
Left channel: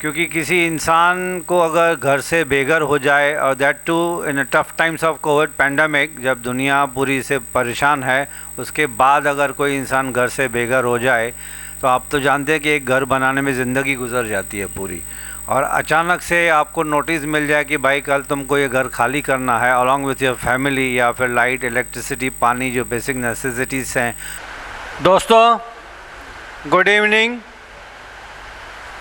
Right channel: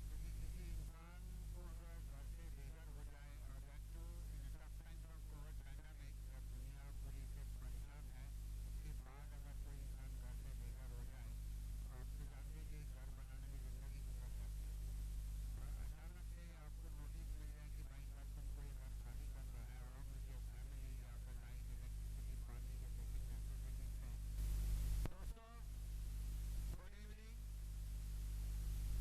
क्योंकि किसी इंसान को अगर घर से बेघर हो जाए, और that too in tough times of COVID pandemic, जब दुनिया पूरी से परेशान है, उसके बाद अगर कोई इंसान घर से बेघर हो जाए तो आप तो जानते हैं कि एक घर बनाने में ज़िंदगी गुजर जाती है पूरी, और अचानक से आपको नोटिस मिल जाए कि भाई कल तुमको ये घर खाली करना है अलॉन्ग विथ योर फैमिली, या फिर लाइट, इलेक्ट्रिसिटी, पानी, जो बेसिक नेसेसिटीज़ हैं। दोस्तों गुड इवनिंग,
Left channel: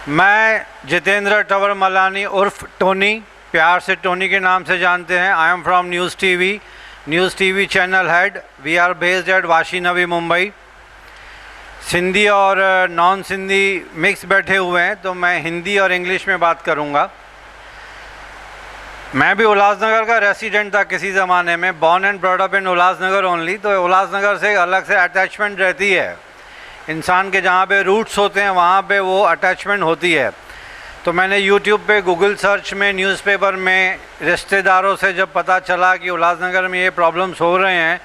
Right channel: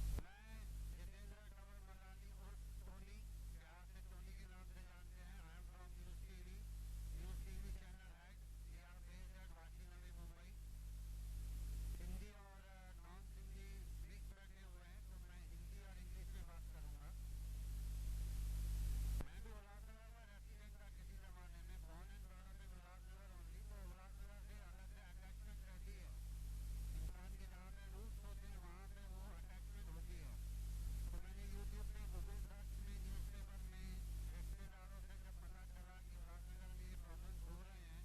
मैं जितेंद्र टवर मलानी उर्फ टोनी, प्यार से टोनी के नाम से जानते हैं। I am from news TV channel head. We are based at Vashi Navi Mumbai. Sindhi और नॉन सिंधी मिक्स बैठे हुए हैं, तो मैं हिंदी और इंग्लिश में बात करूंगा। मैं भी उल्लासनगर का रेसिडेंट था किसी ज़माने में, born and brought up in Ulhasnagar only. तो उल्लासनगर से अलग से अटैचमेंट रहती है इंसान के, जहाँ पे रूट्स होते हैं वहाँ पे वो अटैचमेंट होती है। तो मैंने यूट्यूब पे, गूगल सर्च में, न्यूज़पेपर में, रिश्तेदारों से जब पता चला कि उल्लासनगर में ये प्रॉब्लम्स हो रहे हैं,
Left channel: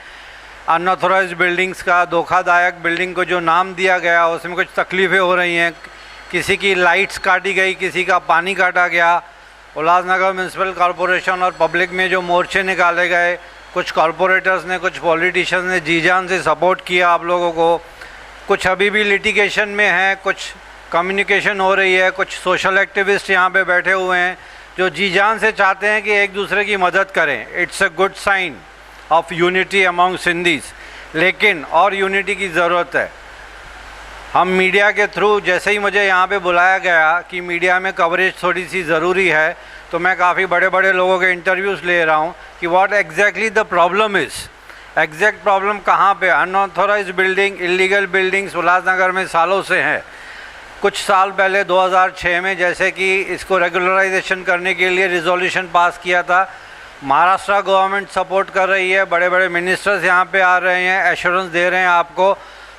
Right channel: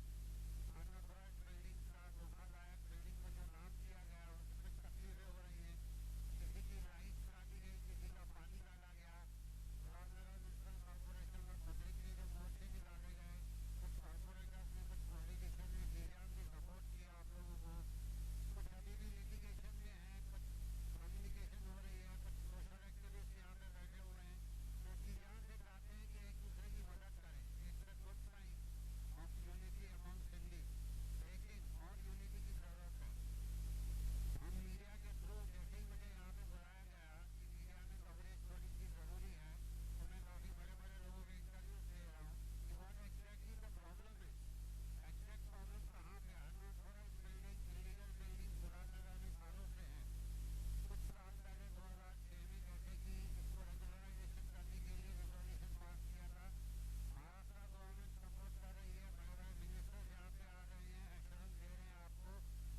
अनऑथोराइज्ड बिल्डिंग्स का, धोखादायक बिल्डिंग को जो नाम दिया गया उसमें कुछ तकलीफ़ें हो रही हैं, किसी की लाइट्स काटी गई, किसी का पानी काटा गया, उल्लासनगर म्यूनसिपल कॉरपोरेशन और पब्लिक में जो मोर्चे निकाले गए, कुछ कॉरपोरेटर्स ने, कुछ पॉलिटिशियंस ने जी जान से सपोर्ट किया आप लोगों को, कुछ अभी भी लिटिगेशन में हैं, कुछ कम्युनिकेशन हो रही है, कुछ सोशल एक्टिविस्ट यहाँ पे बैठे हुए हैं जो जी जान से चाहते हैं कि एक दूसरे की मदद करें। It's a good sign of unity among Sindhis, लेकिन और यूनिटी की ज़रूरत है। हम मीडिया के थ्रू, जैसे ही मुझे यहाँ पे बुलाया गया कि मीडिया में कवरेज थोड़ी सी ज़रूरी है, तो मैं काफ़ी बड़े बड़े लोगों के इंटरव्यूज़ ले रहा हूँ कि what exactly the problem is, exact problem कहाँ पे। Unauthorised building, illegal buildings Ulhasnagar में सालों से हैं। कुछ साल पहले 2006 में जैसे कि इसको रेगुलराइजेशन करने के लिए रिजोल्यूशन पास किया था, महाराष्ट्र गवर्नमेंट सपोर्ट कर रही है, बड़े बड़े मिनिस्टर्स यहाँ पे आ रहे हैं, एश्योरेंस दे रहे हैं आपको,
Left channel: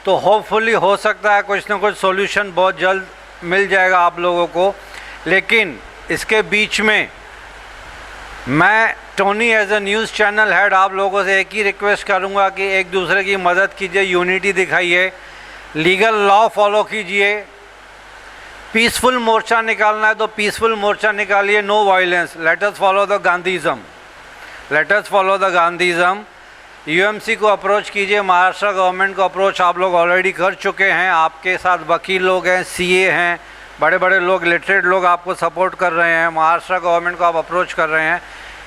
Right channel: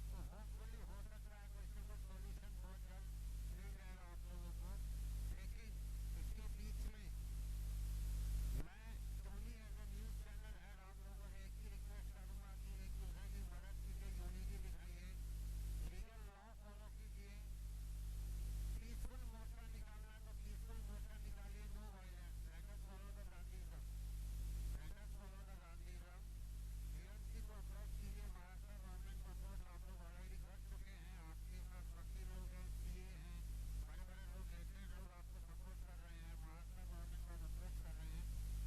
तो होपफुली हो सकता है कुछ ना कुछ सॉल्यूशन बहुत जल्द मिल जाएगा आप लोगों को। लेकिन इसके बीच में मैं Tony as a news channel head आप लोगों से एक ही रिक्वेस्ट करूंगा कि एक दूसरे की मदद कीजिए, यूनिटी दिखाइए, लीगल लॉ फॉलो कीजिए। पीसफुल मोर्चा निकालना है तो पीसफुल मोर्चा निकालिए, no violence. Let us follow the Gandhism, let us follow the Gandhism. UMC को अप्रोच कीजिए, महाराष्ट्र गवर्नमेंट को अप्रोच आप लोग ऑलरेडी कर चुके हैं। आपके साथ वकील लोग हैं, सीए हैं, बड़े बड़े लोग, लिटरेट लोग आपको सपोर्ट कर रहे हैं। महाराष्ट्र गवर्नमेंट को आप अप्रोच कर रहे हैं।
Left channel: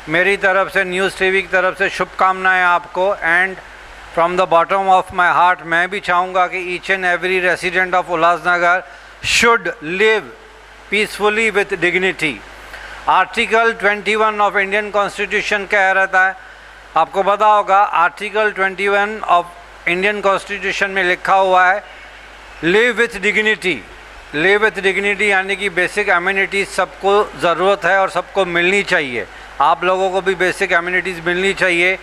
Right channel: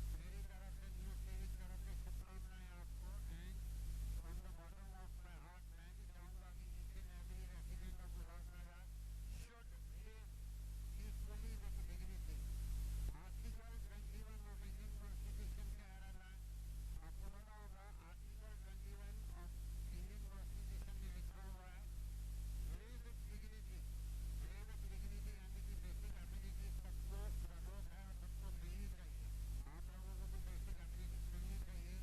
मेरी तरफ से, न्यूज़ टीवी की तरफ से शुभकामनाएं आपको। And from the bottom of my heart मैं भी चाहूँगा कि each and every resident of Ulhasnagar should live peacefully with dignity. Article 21 of Indian constitution कह रहता है, आपको पता होगा, आर्टिकल 21 ऑफ इंडियन कॉन्स्टिट्यूशन में लिखा हुआ है live with dignity. Live with dignity यानी कि बेसिक एम्यूनिटीज़ सबको ज़रूरत है और सबको मिलनी चाहिए। आप लोगों को भी बेसिक एम्यूनिटीज़ मिलनी चाहिए।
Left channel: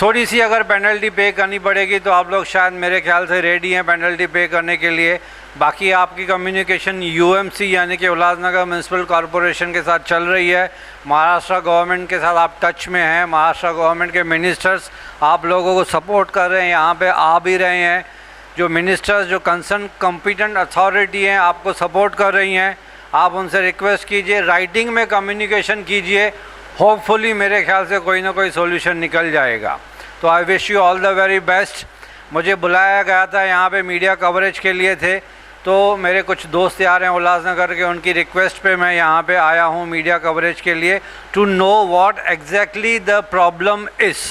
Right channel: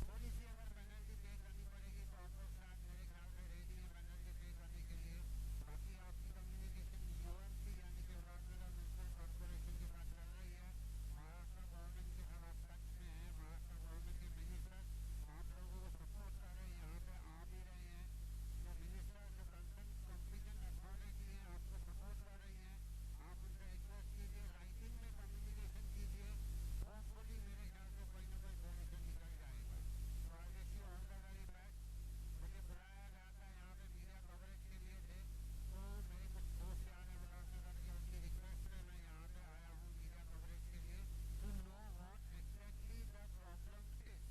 थोड़ी सी अगर पेनल्टी पे करनी पड़ेगी तो आप लोग शायद मेरे ख्याल से रेडी हैं पेनल्टी पे करने के लिए। बाकी आपकी कम्युनिकेशन यूएमसी यानी कि उल्लासनगर म्यूनसिपल कॉरपोरेशन के साथ चल रही है। महाराष्ट्र गवर्नमेंट के साथ आप टच में हैं। महाराष्ट्र गवर्नमेंट के मिनिस्टर्स आप लोगों को सपोर्ट कर रहे हैं, यहाँ पे आ भी रहे हैं। जो मिनिस्टर्स, जो कंसर्न कॉम्पिटेंट अथॉरिटी हैं, आपको सपोर्ट कर रही हैं। आप उनसे रिक्वेस्ट कीजिए, राइटिंग में कम्युनिकेशन कीजिए। होपफुली मेरे ख्याल से कोई ना कोई सोल्यूशन निकल जाएगा। तो I wish you all the very best. मुझे बुलाया गया था यहाँ पे मीडिया कवरेज के लिए थे, तो मेरे कुछ दोस्त यार हैं उल्लासनगर के, उनकी रिक्वेस्ट पे मैं यहाँ पे आया हूँ मीडिया कवरेज के लिए, to know what exactly the problem is.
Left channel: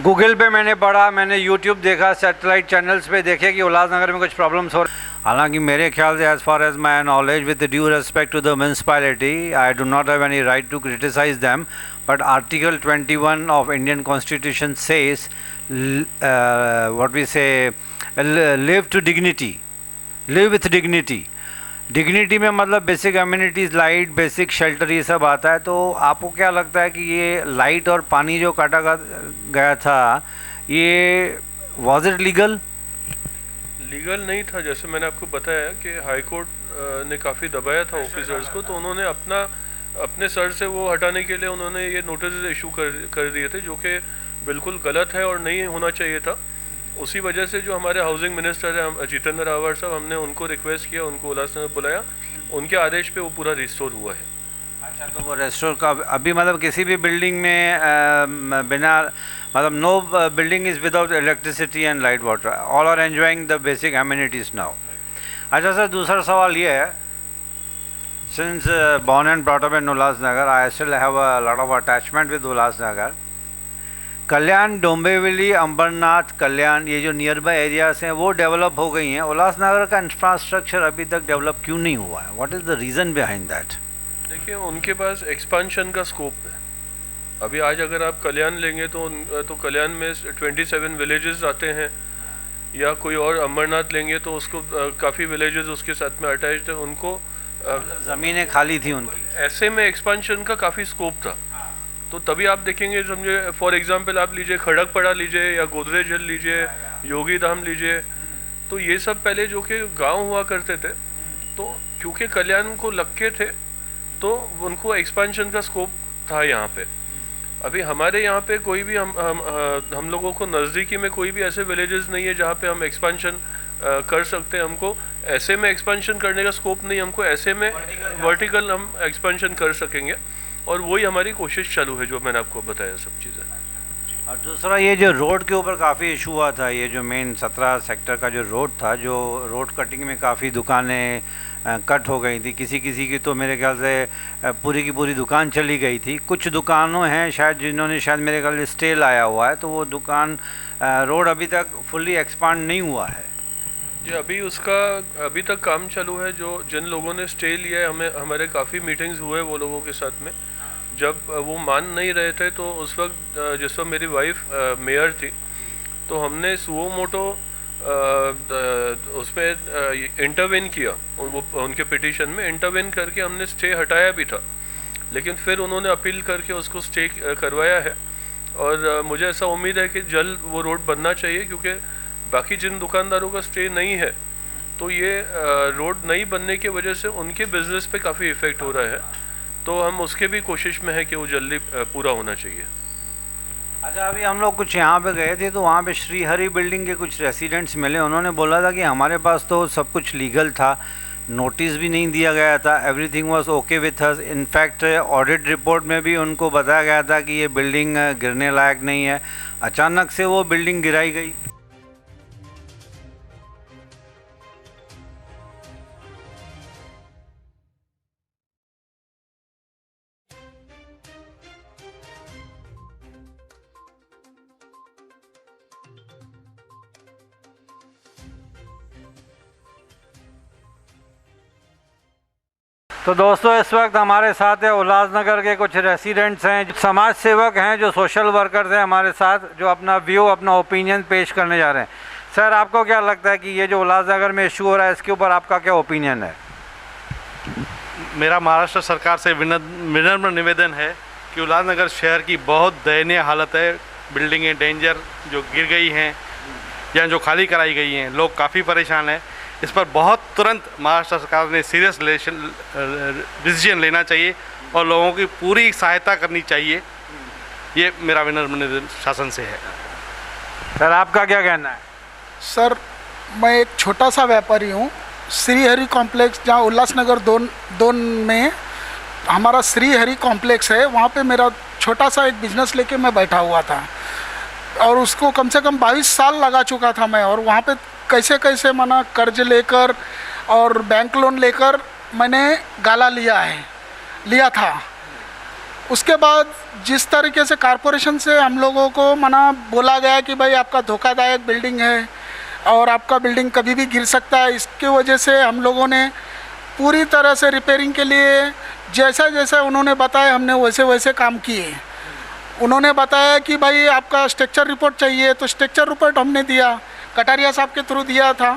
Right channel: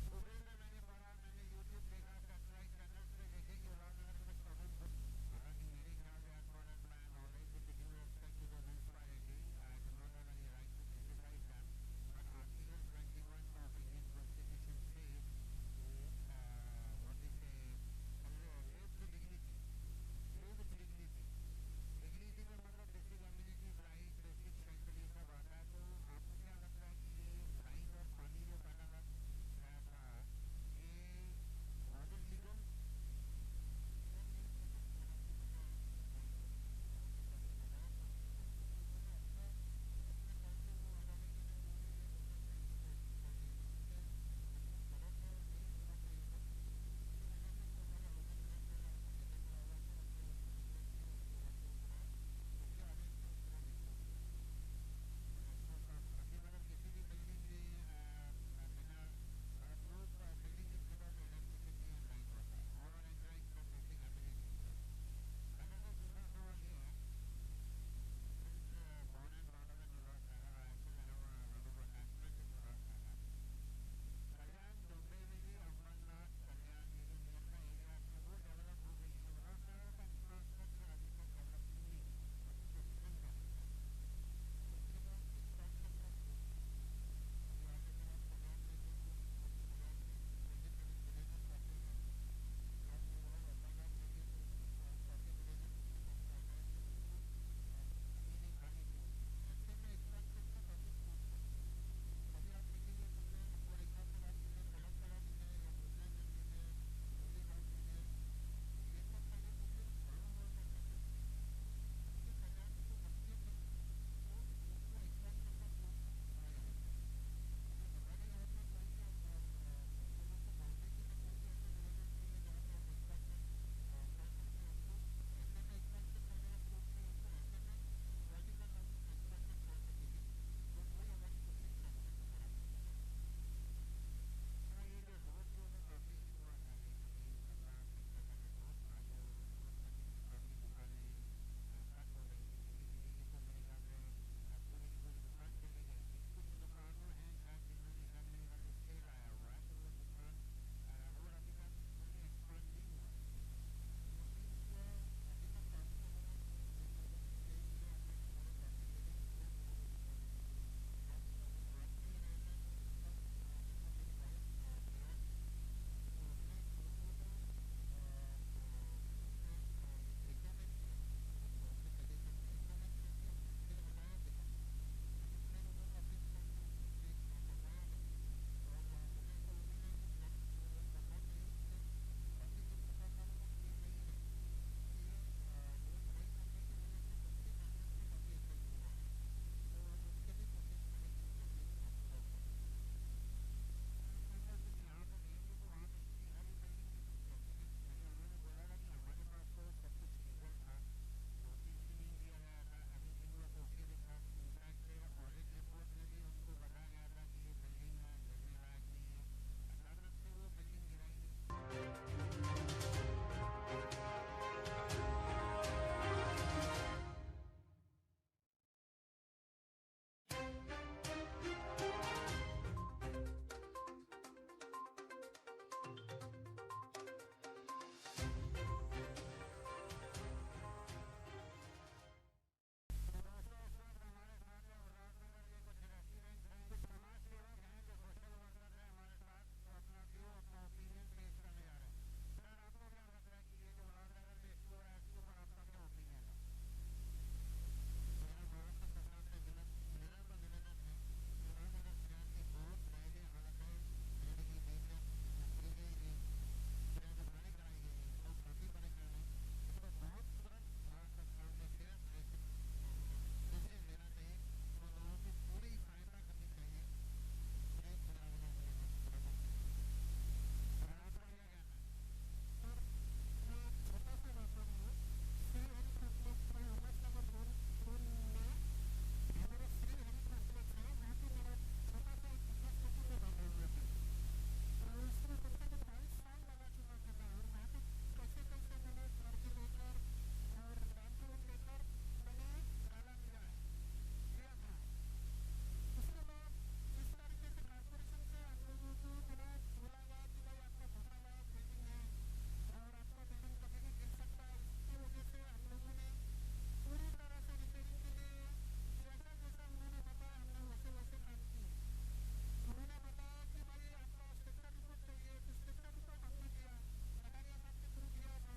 Google पे मैंने पढ़ा, मैंने यूट्यूब देखा, सैटेलाइट चैनल्स पे देखे कि उल्लासनगर में कुछ प्रॉब्लम्स हो रहे। हालांकि मेरे ख्याल से as far as my knowledge, with due respect to the municipality, I do not have any right to criticise them, but article 21 of Indian constitution says what we say live to dignity, live with dignity. Dignity में मतलब basic amenities, light, basic shelter, ये सब आता है। तो आपको क्या लगता है कि ये लाइट और पानी जो काटा गया था, ये वॉज इट लीगल? लीगल नहीं था। जैसे मैंने आपको बताया कि हाई कोर्ट ने काफ़ी दबाया था ऑफिसर्स को, तो उन्होंने अपने सर से वो हटाने के लिए उन्होंने ये नोटिस इशू कर दिए थे, जो कि बिल्कुल गलत है और नहीं होना चाहिए था। उसी वजह से जो हमारे हाउसिंग मिनिस्टर हैं जितेंद्र रावत साहब, हमने उनको रिक्वेस्ट किया, उनको उल्लासनगर बुलाया, उनके आदेश पे वो पूरा रिस्टोर हुआ है। अच्छा, तो वो रेस्टोर का अभी मतलब किसी भी बिल्डिंग में बिना मतलब no building is without electricity and light water, all are enjoying the basic amenities now. अच्छा सर, दूसरा सवाल ये है, since born and brought up in Ulhasnagar, I still have a lot of attachment with Ulhasnagar. Kalyan, Dombivli, Ambernath, Kalyan, ये जो नियर बाय एरियाज हैं वो develop हो गई हैं। उल्लासनगर का इंफ्रास्ट्रक्चर अभी तक डेवलप क्यों नहीं हुआ है? What is the reason behind that? देखिए, उनके पास एक्सपांशन का स्कोप है। अभी आज अगर आप कल्याण लेंगे तो कल्याण में 27 विलेजेस आते हैं, या कोई और अंबरनाथ लेंगे तो उसको काफ़ी विलेजेस उसके साथ में अटैच्ड है। उनको ज़मीनें खाली थी उनकी, ऐसे में एक्सपांशन का काफ़ी स्कोप था। तो तभी आप देखेंगे, समझे फॉर एग्जांपल आप लीजिए खड़गपड़ा लीजिए, या गोदरेज हिल लीजिए, योगी धाम लीजिए, तो ये सब पहले जो कि गांव हुआ करते थे, तो क्योंकि कल्याण को लग के थे तो उनको एक्सपांशन का स्कोप था यहाँ पे। अभी हमारे यहाँ पे कोई भी हम लोगों को नज़दीकी में कोई भी ऐसे विलेजेस नहीं है जहाँ पे हम एक्सपांशन कर सकते हैं। हमको ऐसे में एक्सपांशन करने का स्कोप नहीं, हमको ऐसे में वर्टिकल हम एक्सपांशन कर सकेंगे, और वही हमारी कोशिश चालू है, जो मैंने आपको बताया सब चीज़ें। और दूसरा ये जो रोड के ऊपर काफ़ी इशू हुआ था, ये जो मेन 17 सेक्टर का जो रोड था, जो रोड कटिंग में काफ़ी दुकानें कट हो गई थी, किसी की तो मेरे ख्याल से पूरी की पूरी दुकान चली गई थी। कुछ दुकानों हैं शायद जिन्होंने शायद मेरे ख्याल से स्टे लाया हुआ है, तो वो दुकान रोड अभी तक फुल्ली एक्सपांड नहीं हुआ है जी। अभी उसका अभी तक काम चालू है। जो जिन लोगों ने स्टे लिया है, हमारे काफ़ी मीटिंग्स हुए वो लोगों के साथ में। जब वो मान नहीं रहे थे तो उस वक्त जिस वक्त मेरी वाइफ मेयर थी, तो हमने सुओ मोटो उसमें इंटरवेन किया, वो उनके पिटीशन में इंटरवेन करके हमने स्टे हटाया भी था, लेकिन फिर उन्होंने अपील करके उसको स्टे करवाया है। और मुझे ऐसा उम्मीद है कि जल्द वो रोड बनना चाहिए, क्योंकि बाकी जिन दुकानदारों का स्टे नहीं है, तो ये रोड नहीं बनने की वजह से उनके बिजनेस पे काफ़ी इफ़ेक्ट हो रहा है। तो हम उसके भी कोशिश में है कि वो जल्दी पूरा होना चाहिए। अच्छा, अभी हम लोग कुछ यहाँ पे गए थे तो वहाँ पे श्रीहरि बिल्डिंग के कुछ रेसिडेंट्स मिले, उन्होंने बोला था कि हमारे पास तो सब कुछ लीगल था, नोटिस भी नहीं दिया गया था, everything was okay with us. In fact audit report में भी उनको बताया गया था कि ये बिल्डिंग गिरने लायक नहीं है, अचानक से वो बिल्डिंग गिराई गई। तो दोस्तों, इस वक्त हमारे साथ है उल्लासनगर के कुछ रेसिडेंट्स हैं, समाज सेवक हैं, जो सोशल वर्कर्स हैं हमारे साथ, जो अपना व्यू, अपना ओपिनियन पेश करने जा रहे हैं। सर, आपको क्या लगता है कि ये जो उल्लासनगर में इशू हो रहा है, इसके ऊपर आपका क्या ओपिनियन है? मेरा महाराष्ट्र सरकार से विनम्र निवेदन है कि उल्लासनगर शहर की बहुत दयनीय हालत है। बिल्डिंगें डेंजर जो गिर गई हैं या जो खाली कराई गई हैं, लोग काफ़ी परेशान हैं। इस पर बहुत तुरंत महाराष्ट्र सरकार ने सीरियस डिसीजन लेना चाहिए और लोगों की पूरी सहायता करनी चाहिए। ये मेरा विनम्र निवेदन शासन से है। सर, आपका क्या कहना है? सर, मैं एक छोटा सा व्यापारी हूँ। श्रीहरि कॉम्प्लेक्स, जहाँ उल्लासनगर दोन में हमारा श्रीहरि कॉम्प्लेक्स है, वहाँ पे मेरा छोटा सा एक बिजनेस लेके मैं बैठा हुआ था और उसको कम से कम 22 साल लगा चुका था मैं। और वहाँ पे कैसे कैसे मना कर्ज लेकर और बैंक लोन लेकर मैंने गाला लिया था। उसके बाद जिस तरीके से कॉरपोरेशन से हम लोगों को मना बोला गया कि भाई आपका धोखादायक बिल्डिंग है और आपका बिल्डिंग कभी भी गिर सकता है, इसके वजह से हम लोगों ने पूरी तरह से रिपेयरिंग के लिए जैसा जैसा उन्होंने बताया हमने वैसे वैसे काम किए। उन्होंने बताया कि भाई आपका स्ट्रक्चर रिपोर्ट चाहिए, तो स्ट्रक्चर रिपोर्ट हमने दिया, कटारिया साहब के थ्रू दिया था।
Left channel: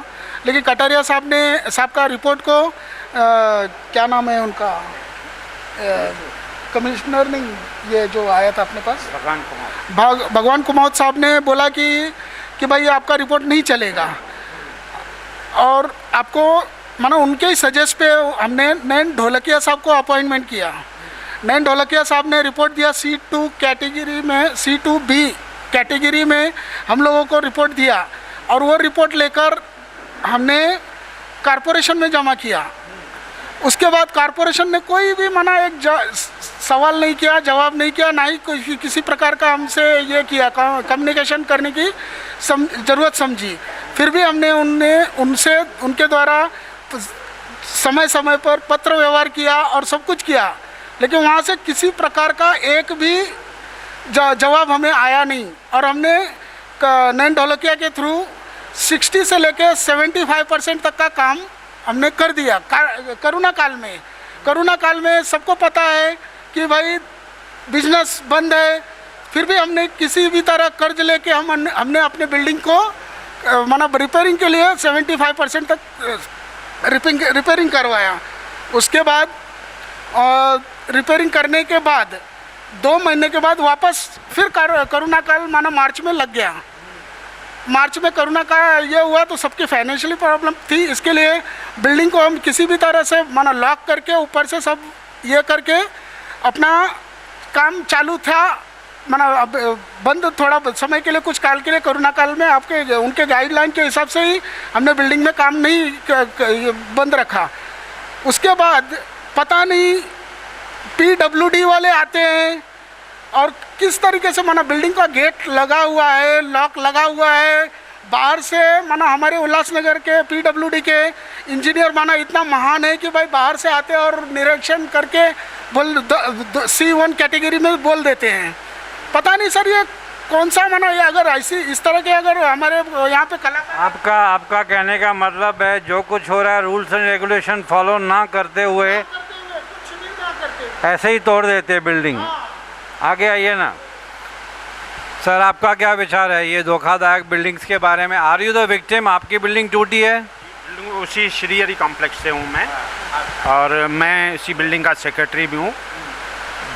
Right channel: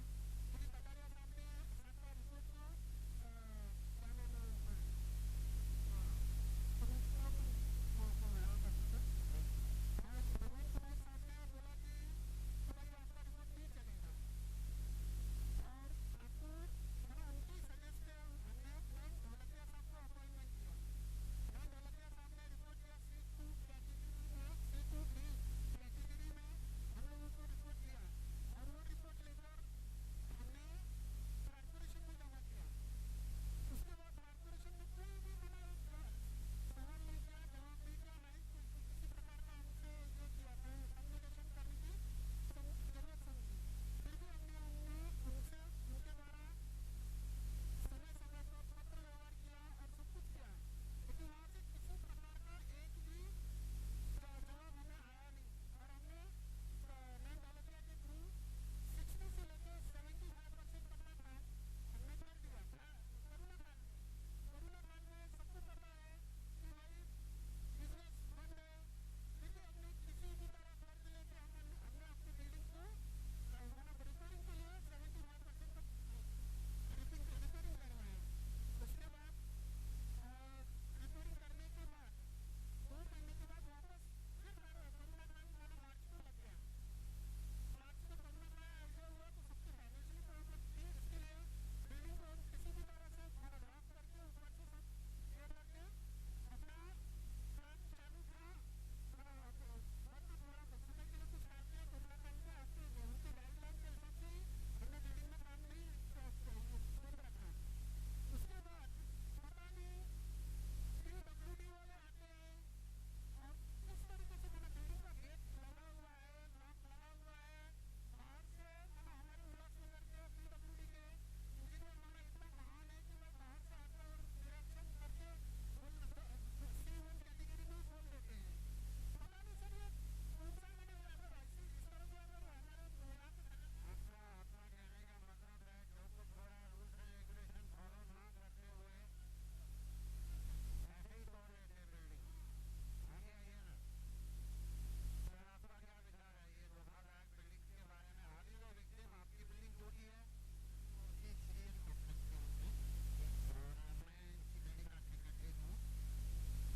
लेकिन कटारिया साहब का रिपोर्ट को क्या नाम है उनका, कमिश्नर नहीं, ये जो आया था अपने पास भगवान कुमार साहब ने बोला कि भाई आपका रिपोर्ट नहीं चलेगा। और आपको मानो उनके ही सजेस्ट पे हमने नैन ढोलकिया साहब को अपॉइंटमेंट किया। नैन ढोलकिया साहब ने रिपोर्ट दिया, C2 कैटेगरी में, C2B कैटेगरी में हम लोगों को रिपोर्ट दिया और वो रिपोर्ट लेकर हमने कॉरपोरेशन में जमा किया। उसके बाद कॉरपोरेशन ने कोई भी मना एक सवाल नहीं किया, जवाब नहीं किया, ना ही किसी प्रकार का हमसे ये किया कम्युनिकेशन करने की ज़रूरत समझी। फिर भी हमने उनके द्वारा समय समय पर पत्र व्यवहार किया और सब कुछ किया, लेकिन वहाँ से किसी प्रकार का एक भी जवाब हमें आया नहीं। और हमने नैन ढोलकिया के थ्रू 60 से लेकर 75% तक का काम हमने कर दिया। कोरोना काल में सबको पता है कि भाई बिजनेस बंद है, फिर भी हमने किसी भी तरह कर्ज लेके हमने अपने बिल्डिंग को मतलब रिपेयरिंग के लिए 75% तक रिपेयरिंग करवाया। उसके बाद रिपेयरिंग करने के बाद 2 महीने के बाद वापस फिर कोरोना काल माना मार्च में लग गया। मार्च में कोरोना का ये हुआ तो सबकी फाइनेंशियली प्रॉब्लम थी, इसके लिए बिल्डिंग को हम किसी भी तरह से माना लॉक करके ऊपर से सब ये करके अपना काम चालू था। माना अब बंद थोड़ा समय के लिए, कुछ काल के लिए कोरोना काल में आपके उनके गाइडलाइन के हिसाब से ही हमने बिल्डिंग में काम नहीं बंद रखा। उसके बाद पता नहीं PWD वाले आते हैं और किस तरीके से माना बिल्डिंग का गेट लगा हुआ है, लॉक लगा हुआ है बाहर से। माना हमारे उल्लासनगर के PWD के इंजीनियर माना इतना महान है कि भाई बाहर से आते हैं और निरीक्षण करके C1 कैटेगरी में बोल देते हैं। पता नहीं सर ये कौन सा माना, ये अगर ऐसी इस तरह के अगर हमारे यहाँ पे कलाकार आपका कहने का मतलब है जो कुछ हो रहा है रूल्स एंड रेगुलेशन फॉलो ना करते हुए ऐसे ही तोड़ देते हैं बिल्डिंग। आगे आइए ना सर, आपका क्या विचार है ये धोखादायक बिल्डिंग्स के बारे में? Are you the victim? आपकी बिल्डिंग टूटी है? उसी श्रीहरि कॉम्प्लेक्स से हूँ मैं और मैं इसी बिल्डिंग का सेक्रेटरी भी हूँ।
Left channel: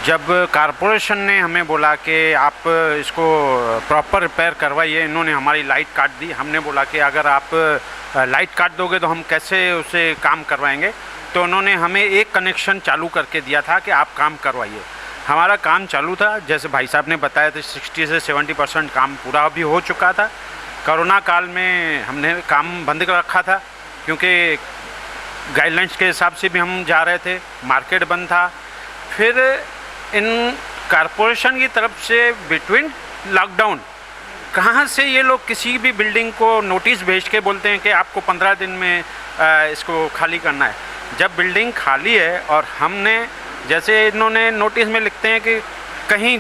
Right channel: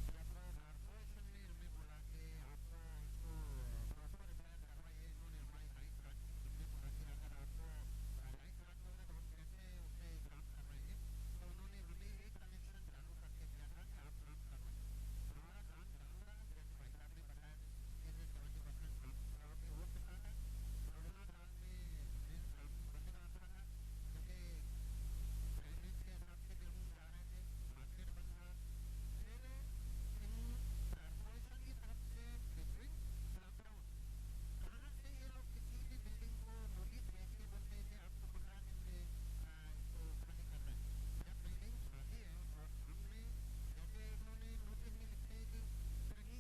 जब कारपोरेशन ने हमें बोला कि आप इसको प्रॉपर रिपेयर करवाइए, इन्होंने हमारी लाइट काट दी। हमने बोला कि अगर आप लाइट काट दोगे तो हम कैसे उसे काम करवाएंगे। तो उन्होंने हमें एक कनेक्शन चालू करके दिया था कि आप काम करवाइए। हमारा काम चालू था, जैसे भाई साहब ने बताया था 60 से 70% काम पूरा भी हो चुका था। कोरोना काल में हमने काम बंद कर रखा था क्योंकि गाइडलाइंस के हिसाब से भी हम जा रहे थे, मार्केट बंद था। फिर इन कारपोरेशन की तरफ से बिटवीन लॉकडाउन कहाँ से ये लोग किसी भी बिल्डिंग को नोटिस भेज के बोलते हैं कि आपको 15 दिन में इसको खाली करना है। जब बिल्डिंग खाली है और हमने, जैसे इन्होंने नोटिस में लिखते हैं कि कहीं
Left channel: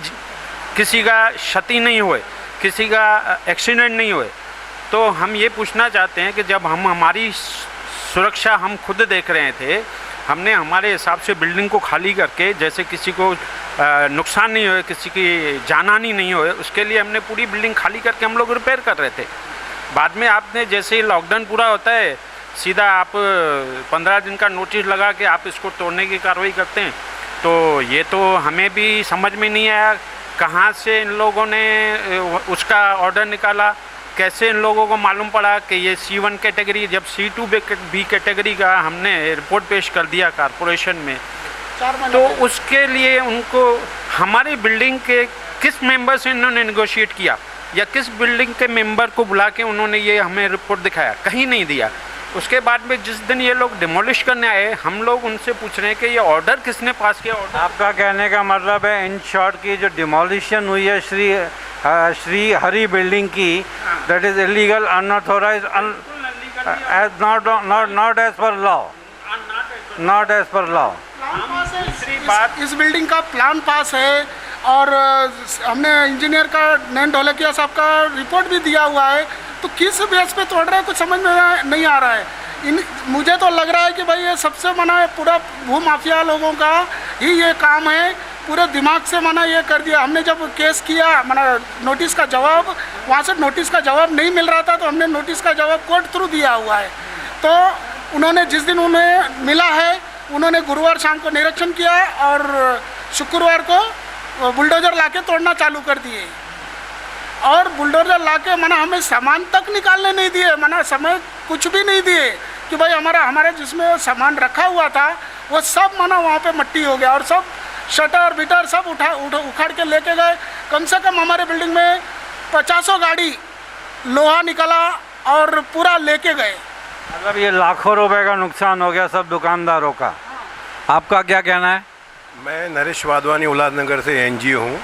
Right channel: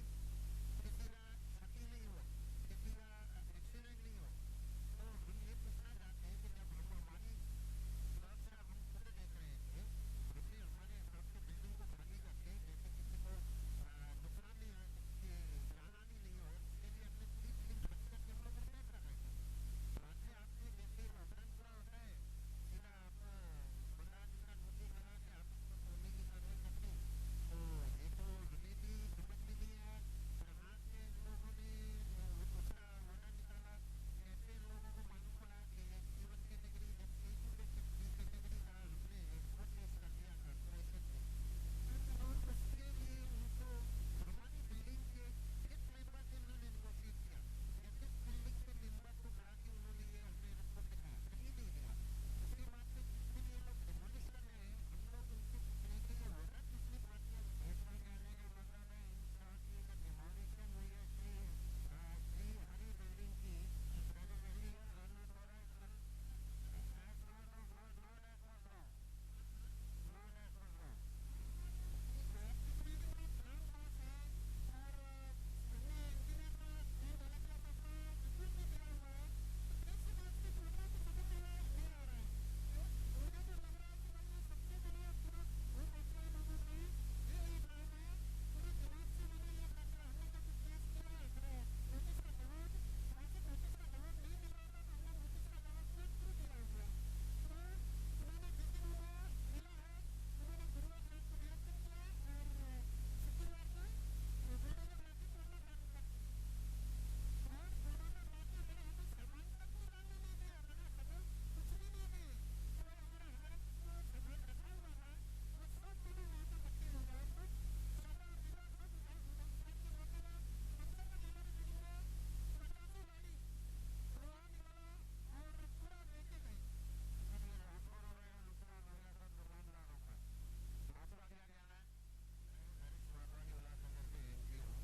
किसी का क्षति नहीं हुए, किसी का एक्सीडेंट नहीं हुए, तो हम ये पूछना चाहते हैं कि जब हम हमारी सुरक्षा हम खुद देख रहे थे, हमने हमारे हिसाब से बिल्डिंग को खाली करके, जैसे किसी को नुकसान नहीं हुए, किसी की जानहानि नहीं हुए, उसके लिए हमने पूरी बिल्डिंग खाली करके हम लोग रिपेयर कर रहे थे। बाद में आपने जैसे ही लॉकडाउन पूरा होता है, सीधा आप 15 दिन का नोटिस लगा के आप इसको तोड़ने की कार्रवाई करते हैं। तो ये तो हमें भी समझ में नहीं आया कहाँ से इन लोगों ने उसका ऑर्डर निकाला, कैसे इन लोगों को मालूम पड़ा कि ये C1 कैटेगरी, जब C2 बी कैटेगरी का हमने रिपोर्ट पेश कर दिया कारपोरेशन में, तो उसके लिए उनको हमारी बिल्डिंग के किस मेंबर से इन्होंने नेगोशिएट किया या किस बिल्डिंग के मेंबर को बुला के उन्होंने ये हमें रिपोर्ट दिखाया, कहीं नहीं दिया। उसके बाद में जिस दिन ये लोग डिमोलिश करने आए, हम लोग उनसे पूछ रहे हैं कि ये ऑर्डर किसने पास किया। ऑर्डर आपका कहने का मतलब है इन शॉर्ट की जो डिमोलिशन हुई है श्री हरि बिल्डिंग की, that is illegal, unauthorised, not as per law, not as per law. इस बिल्डिंग का प्लान पास है और हमने इंजीनियर का नैन ढोलकिया साहब का रिपोर्ट भी दिया हुआ है, तो किस बेस पे तोड़ रहे हैं कुछ समझ में नहीं आ रहा है। मुझे तो लग रहा है कि भाई ये सबसे मना है, पूरा भू माफिया लोगों का ही ये काम है, पूरे दिमाग से मना ये कर दिया। हमने जब केस किया, मना नोटिस का जवाब, वहाँ से नोटिस का जवाब नहीं मिल रहा था, तो हमने नोटिस का जवाब कोर्ट थ्रू दिया हुआ है। तो उन्होंने जिस दिन उन्हें मिला है, उन्होंने गुरुवार शाम को निरीक्षण किया और शुक्रवार को बुलडोजर लाके तोड़ना चालू कर दिए, और बुलडोजर लाके मना हमें सामान तक निकालने नहीं दिए, मना समय कुछ भी नहीं दिए कि भाई हमारे जिसमें सामान रखा हुआ था वो सब मना वहाँ पे मट्टी हो गया, और सब शटर बिटर सब उखाड़ के लेके गए। कम से कम हमारे बिल्डिंग में 50 गाड़ी लोहा निकला और पूरा लेके गए। मतलब ये लाखों रुपए का नुकसान हो गया सब दुकानदारों का। आपका क्या कहना है? मैं नरेश वाधवानी उल्लासनगर से एनजीओ हूँ।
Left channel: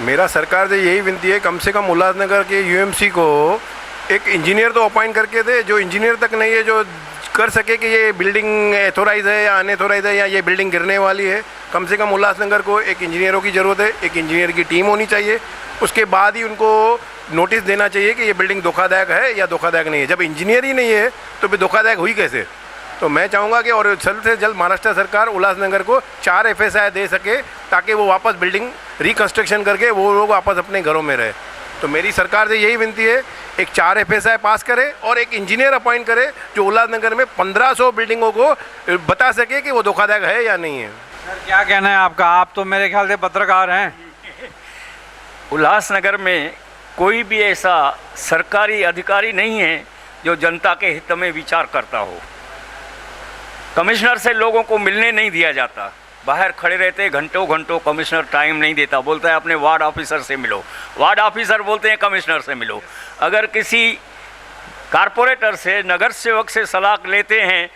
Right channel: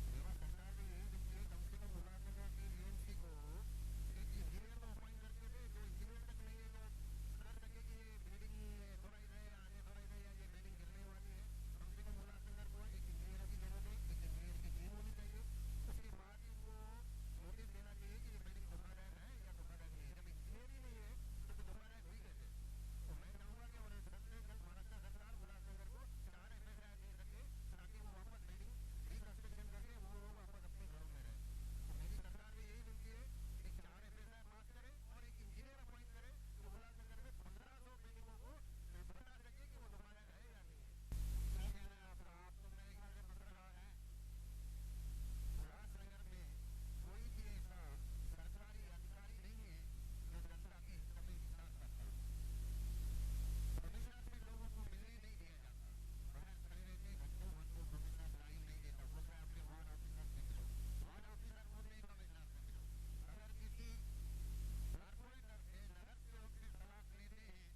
मेरा सरकार से यही विनती है, कम से कम उल्लासनगर के यूएमसी को एक इंजीनियर तो अपॉइंट करके दे, जो इंजीनियर तक नहीं है जो कर सके कि ये बिल्डिंग एथोराइज है या अनएथोराइज है या ये बिल्डिंग गिरने वाली है। कम से कम उल्लासनगर को एक इंजीनियरों की ज़रूरत है, एक इंजीनियर की टीम होनी चाहिए। उसके बाद ही उनको नोटिस देना चाहिए कि ये बिल्डिंग धोखादायक है या धोखादायक नहीं है। जब इंजीनियर ही नहीं है तो फिर धोखादायक हुई कैसे? तो मैं चाहूँगा कि और जल्द से जल्द महाराष्ट्र सरकार उल्लासनगर को 4 FSI दे सके, ताकि वो वापस बिल्डिंग रिकन्स्ट्रक्शन करके वो लोग वापस अपने घरों में रहे। तो मेरी सरकार से यही विनती है, एक 4 FSI पास करे और एक इंजीनियर अपॉइंट करे जो उल्लासनगर में 1500 बिल्डिंगों को बता सके कि वो धोखादायक है या नहीं है। सर क्या कहना है आपका? आप तो मेरे ख्याल से पत्रकार हैं। उल्लासनगर में कोई भी ऐसा सरकारी अधिकारी नहीं है जो जनता के हित में विचार करता हो। कमिश्नर से लोगों को मिलने नहीं दिया जाता, बाहर खड़े रहते घंटों घंटों, कमिश्नर टाइम नहीं देता, बोलता है अपने वार्ड ऑफिसर से मिलो, वार्ड ऑफिसर बोलते हैं कमिश्नर से मिलो। अगर किसी कारपोरेटर से, नगर सेवक से सलाह लेते हैं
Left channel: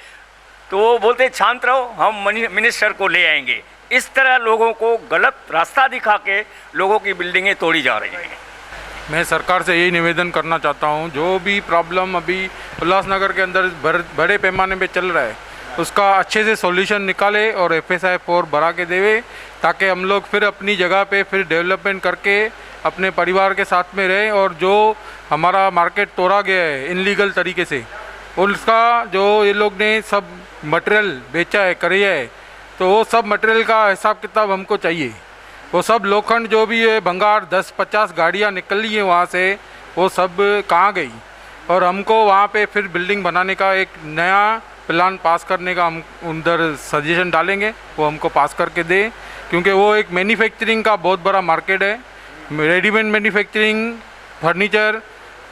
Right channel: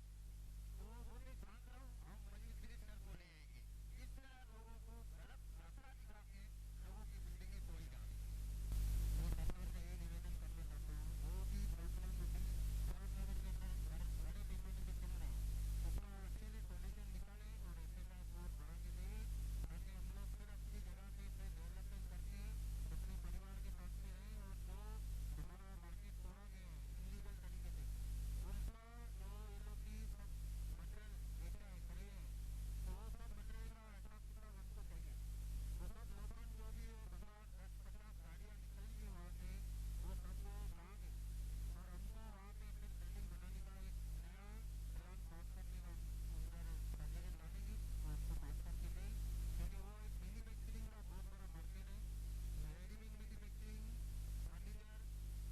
तो वो बोलते हैं शांत रहो, हम मिनिस्टर को ले आएंगे। इस तरह लोगों को गलत रास्ता दिखा के लोगों की बिल्डिंगें तोड़ी जा रही हैं। मैं सरकार से यही निवेदन करना चाहता हूँ, जो भी प्रॉब्लम अभी उल्लासनगर के अंदर बड़े पैमाने पे चल रहा है उसका अच्छे से सॉल्यूशन निकाले और FSI 4 बढ़ा के देवे, ताकि हम लोग फिर अपनी जगह पे फिर डेवलपमेंट करके अपने परिवार के साथ में रहें। और जो हमारा मार्केट तोड़ा गया है इनलीगल तरीके से, उसका जो ये लोग ने सब मटेरियल बेचा है, करिया है, तो वो सब मटेरियल का हिसाब किताब हमको चाहिए। वो सब लोखंड जो भी है, भंगार 10-50 गाड़ियाँ निकली हैं वहाँ से, वो सब कहाँ गई? और हमको वहाँ पे फिर बिल्डिंग बनाने का एक नया प्लान पास करने का हम उधर सजेशन डालेंगे, वो हमको पास करके दे, क्योंकि वो एक मैन्युफैक्चरिंग का बहुत बड़ा मार्केट है। रेडीमेड मैन्युफैक्चरिंग, फर्नीचर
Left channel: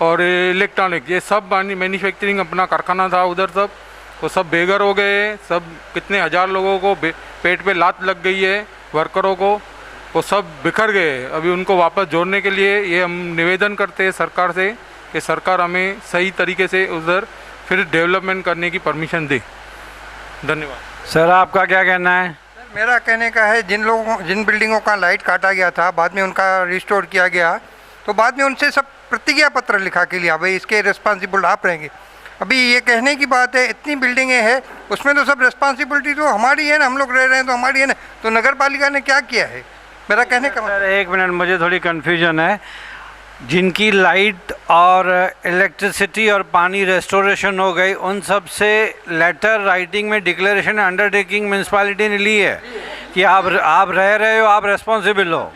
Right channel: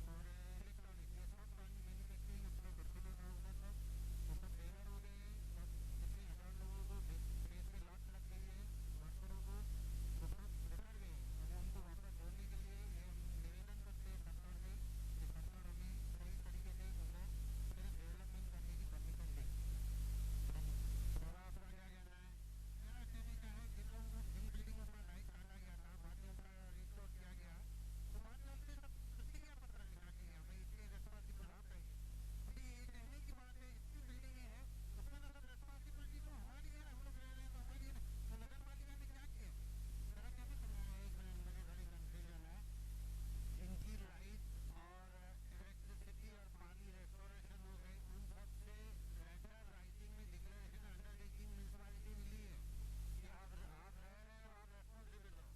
और इलेक्ट्रॉनिक, ये सब मैन्युफैक्चरिंग अपना कारखाना था उधर सब, वो सब बेघर हो गए, सब कितने हज़ार लोगों को पेट पे लात लग गई है, वर्करों को, वो सब बिखर गए। अभी उनको वापस जोड़ने के लिए ये हम निवेदन करते हैं सरकार से कि सरकार हमें सही तरीके से उधर फिर डेवलपमेंट करने की परमिशन दे। धन्यवाद। सर आपका क्या कहना है? मेरा कहने का है, जिन बिल्डिंगों का लाइट काटा गया था, बाद में उनका रिस्टोर किया गया, तो बाद में उनसे सब प्रतिज्ञा पत्र लिखा के लिया, भाई इसके रिस्पॉन्सिबल आप रहेंगे। अभी ये कहने की बात है, इतनी बिल्डिंगें हैं, उसमें तो सब रिस्पॉन्सिबिलिटी तो हमारी है ना, हम लोग रह रहे हैं तो हमारी है ना, तो नगर पालिका ने क्या किया है? मेरा कहने का सर एक मिनट, मुझे थोड़ी कन्फ्यूजन है। जिनकी लाइट और इलेक्ट्रिसिटी और पानी रेस्टोरेशन हो गई, उन सब से लेटर राइटिंग में डिक्लेरेशन अंडरटेकिंग म्यूनसिपैलिटी ने ली है कि आप रह रहे हो, आप रेस्पॉन्सिबल हो।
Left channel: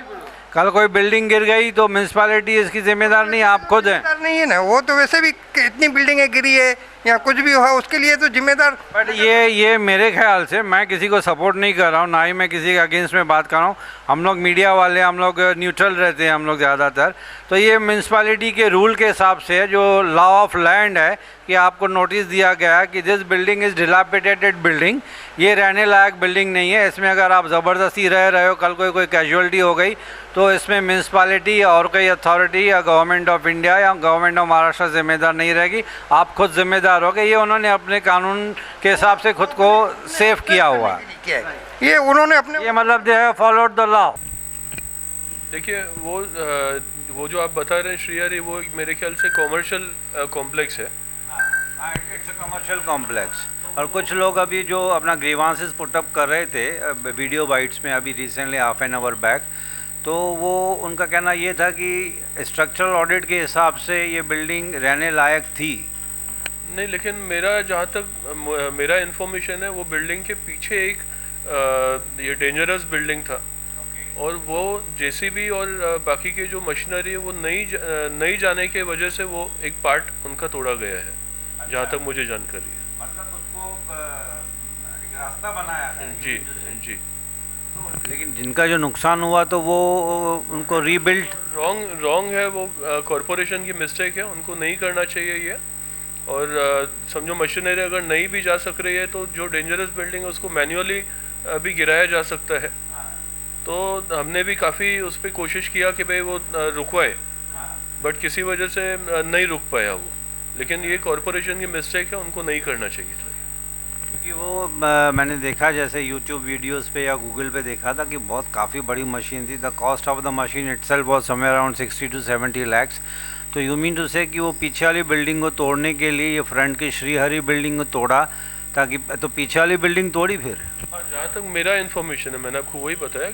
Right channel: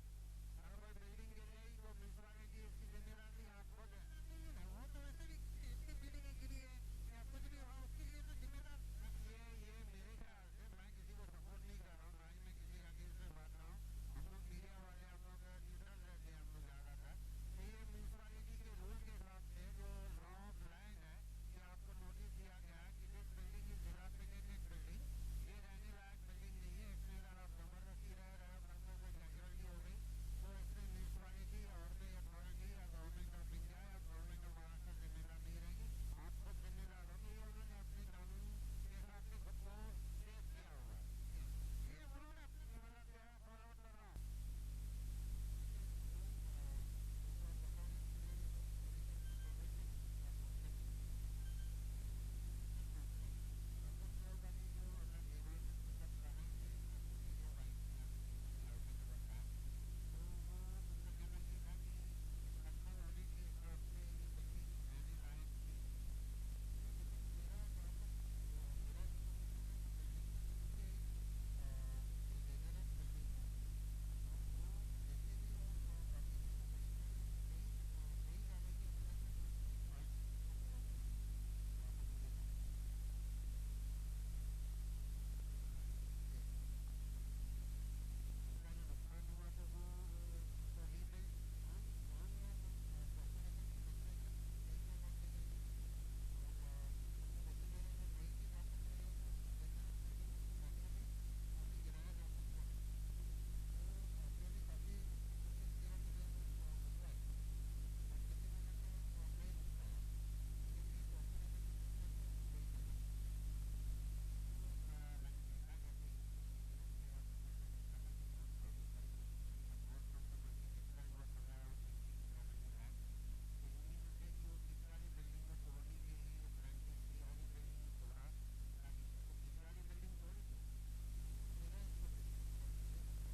कल कोई बिल्डिंग गिर गई तो म्यूनसिपैलिटी इसकी जिम्मेदार नहीं, आप खुद हैं। नहीं है ना, वो तो वैसे भी इतनी बिल्डिंगें गिरी है या कुछ भी हुआ उसके लिए तो जिम्मेदार। बट ये मेरे ख्याल से, मैं किसी को सपोर्ट नहीं कर रहा हूँ, ना ही मैं किसी के अगेंस्ट में बात कर रहा हूँ। हम लोग मीडिया वाले, हम लोग न्यूट्रल रहते हैं हम लोग ज़्यादातर। तो ये म्यूनसिपैलिटी के रूल के हिसाब से है, जो लॉ ऑफ लैंड है, कि आपको नोटिस दिया गया है कि this building is dilapidated building, ये रहने लायक बिल्डिंग नहीं है, इसमें अगर आप ज़बरदस्ती रह रहे हो, कल कोई कैजुअलिटी हो गई तो इसमें म्यूनसिपैलिटी और कोई अथॉरिटी या गवर्नमेंट ऑफ इंडिया या गवर्नमेंट ऑफ महाराष्ट्र जिम्मेदार नहीं रहेगी, आप खुद जिम्मेदार होगे। ये उन्होंने अपने कानून के हिसाब से खुद को सेफ किया हुआ है। ये उन्होंने अपने, ये मतलब they have followed the law. देखिए वो जो आप बता रहे हैं श्रीहरि, वो मेरे ख्याल से कॉमर्शियल कॉम्प्लेक्स है। It's a commercial complex. और कुछ लोग अभी जो अपना ग्रीवांसेस पुटअप कर रहे थे वीडियो बाइट्स में अभी recently half an hour back, तो वो उनका कहना ये था कि स्ट्रक्चरल ऑडिट के हिसाब से ये बिल्डिंग रहने लायक थी। नहीं, लेकिन मेरा जहाँ तक मेरा इन्फॉर्मेशन है, वो बिल्डिंग के पीछे एक ये डेंजरस बिल्डिंग था, और वो जेसीबी और बाकी के जो मशीनरी है वो नई जाने के वजह से वो एक पार्ट उनका तोड़ा गया है। अच्छा। जहाँ तक मुझे जानकारी है, मतलब उसको एक रास्ता बनाया है। जी जी। लेकिन जिनका जो नुकसान हुआ तो वो उनको रीबिल्ड रॉन्ग है, वो कॉरपोरेशन की मिस्टेक है, उनको नहीं करना चाहिए ये। और समझो मशीनरी अगर नहीं भी जा सक रही है तो जो डेंजरस बिल्डिंग है उसको मैन्युअली भी गिराया जा सकता है। तो हमने भी काफ़ी उस पर कोशिश किया कि भाई वो रुकवाए, बट किसी वजह से नहीं रुक पाया वो। लेकिन ये कॉरपोरेशन की मिस्टेक है, उनको नहीं करना चाहिए था। क्योंकि वो मैंने देखा जैसे यूट्यूब वीडियोस पे या गूगल पे देखा था कि बहुत काफ़ी बड़ी मशीन थी। The cost of the machine itself was somewhere around 60 to 70 lakhs। तो यू मीन टू से कि वो पीछे वाली बिल्डिंग को तोड़ने के लिए ये फ्रंट की श्रीहरि बिल्डिंग को तोड़ा, ताकि तो पीछे वाली बिल्डिंग तोड़ी फिर। हाँ, जहाँ तक मेरा इन्फॉर्मेशन है, मैंने आपको वही बताया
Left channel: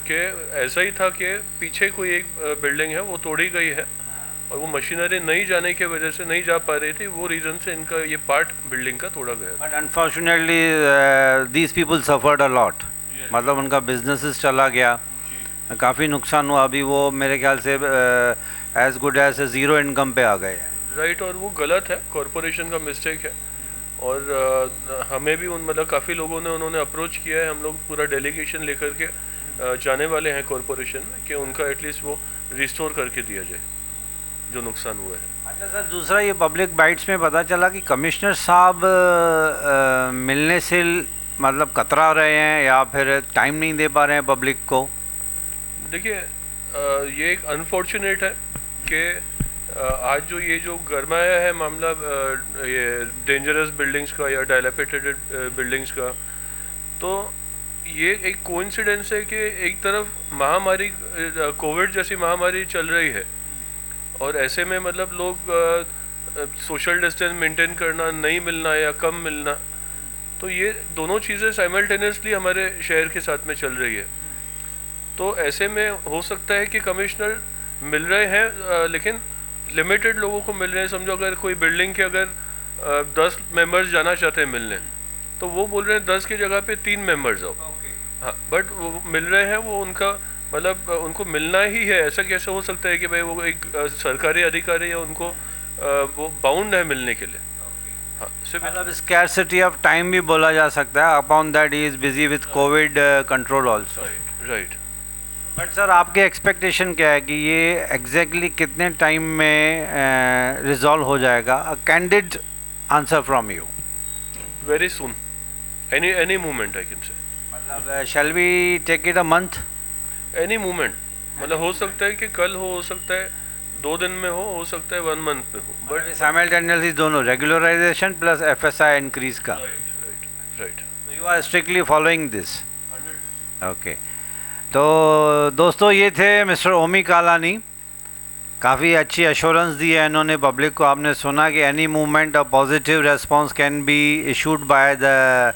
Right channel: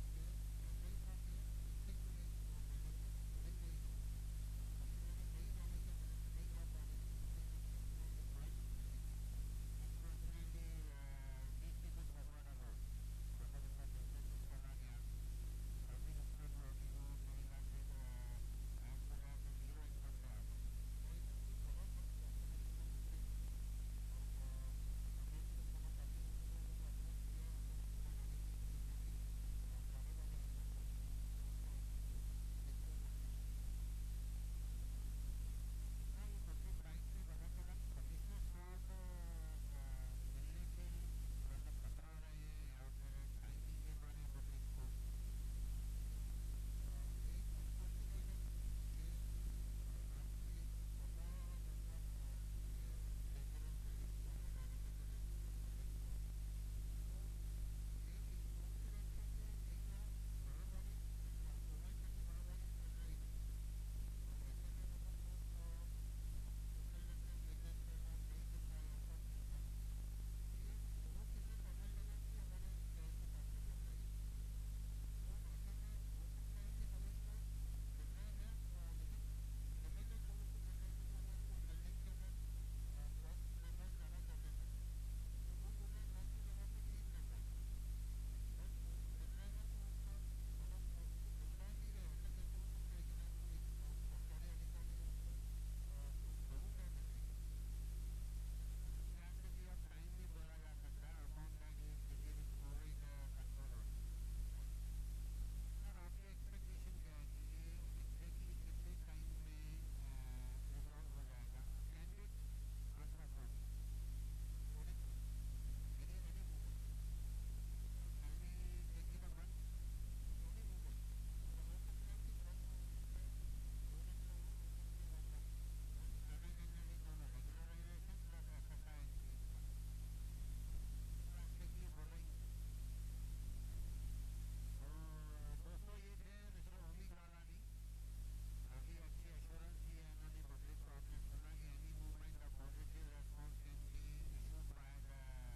कि ऐसा ही था कि पीछे कोई एक बिल्डिंग है वो तोड़ी गई है, और वो मशीनरी नहीं जाने की वजह से नहीं जा पा रही थी, वो रीज़न से इनका ये पार्ट बिल्डिंग का तोड़ा गया। But unfortunately these people suffered a lot, मतलब उनका बिजनेस चला गया, काफ़ी नुकसान हुआ। अभी वो मेरे ख्याल से as good as zero income पे आ गए हैं। राइट, और वो गलत है, कॉरपोरेशन का मिस्टेक है। और हमें भी मतलब काफ़ी लोगों ने उन्होंने अप्रोच किया है, हम लोग पूरा डेलीगेशन लेकर के जाने वाले हैं कॉरपोरेशन में कि उनका एटलीस्ट वो रिस्टोर करके दिया जाए जो नुकसान हुआ है। अच्छा सर, दूसरा ये पब्लिक बाइट्स में पता चला कि कमिश्नर साहब मिलने से मतलब कतरा रहे हैं या फिर टाइम नहीं दे पा रहे हैं पब्लिक को। देखिए ये एक अनफॉर्चुनेट है कि आज जो गरमाया है मामला ये डेंजरस बिल्डिंग्स का या डायलापिडेटेड बिल्डिंग्स का, तो ये एक कोइंसिडेंस है कि एक तरफ महामारी कोविड जैसी महामारी चल रही है, और ऐसे में मतलब लोग सोशल डिस्टेंस मेंटेन करना, नहीं मिलना या कम मिलना, तो ये दोनों चीज़ें साइमल्टेनियसली हमारे शहर के साथ में चल रही है। तो ऐसे में हो सकता है कि कमिश्नर मिल रहे हैं लेकिन लिमिटेड लोगों को मिल रहे हैं। समझो अगर कोई बिल्डिंग के अगर 10 मेंबर्स जाना चाहते हैं मिलने, तो वो बोल रहे हैं 10 की जगह पे 3 मेंबर्स आओ। हाँ, बट वो मिल रहे हैं, वो उनका मतलब उनको मिलना ही है। ऐसा कैसे हो सकता है कि भाई वो एक सरकारी अधिकारी है, उनको वो बाउंड है मिलने के लिए। हाँ, मतलब स्कैरसिटी ऑफ टाइम भी बोला जा सकता है। Upon that he is busy with Covid control also. Right. But sir आपके एक्सपेक्टेशन क्या है कि ये एग्जैक्टली कितने टाइम में रिजॉल्व हो जाएगा? अ candid answer from you. very soon. Any moment I can say. मतलब shall we take it a month? Any moment. मतलब हो सकता है कि कल हो सकता है 2 दिन में हो सकता है 1 month में हो. But simultaneously दोनों regularization plus FSI increase का. Right. So you are strictly following this. Okay. तो दोस्तों ये थे मिस्टर ओमी कालानी. काफ़ी अच्छी एश्योरेंस दी है इन्होंने पब्लिक को. आपने सुना कि any movement a positive response can be issued by the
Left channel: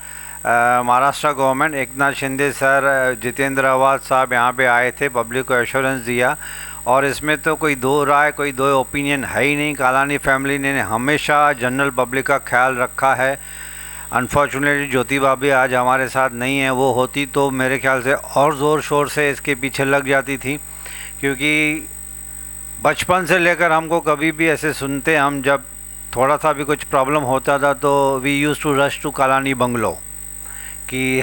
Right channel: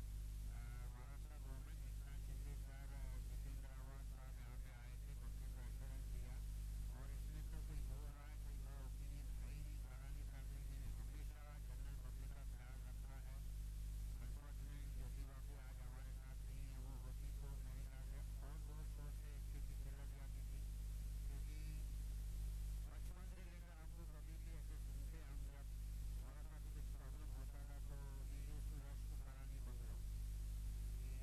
Maharashtra government. Eknath Shinde sir, Jitendra आवाज साहब यहाँ पे आए थे, पब्लिक को एश्योरेंस दिया. और इसमें तो कोई दो राय, कोई दो ओपिनियन है ही नहीं. कालानी फैमिली ने हमेशा जनरल पब्लिक का ख्याल रखा है. अनफॉर्चुनेटली ज्योति भाभी आज हमारे साथ नहीं है. वो होती तो मेरे ख्याल से और ज़ोर शोर से इसके पीछे लग जाती थी, क्योंकि बचपन से लेकर हमको कभी भी ऐसे सुनते, हम जब थोड़ा सा भी कुछ प्रॉब्लम होता था तो we use to rush to Kalani bungalow कि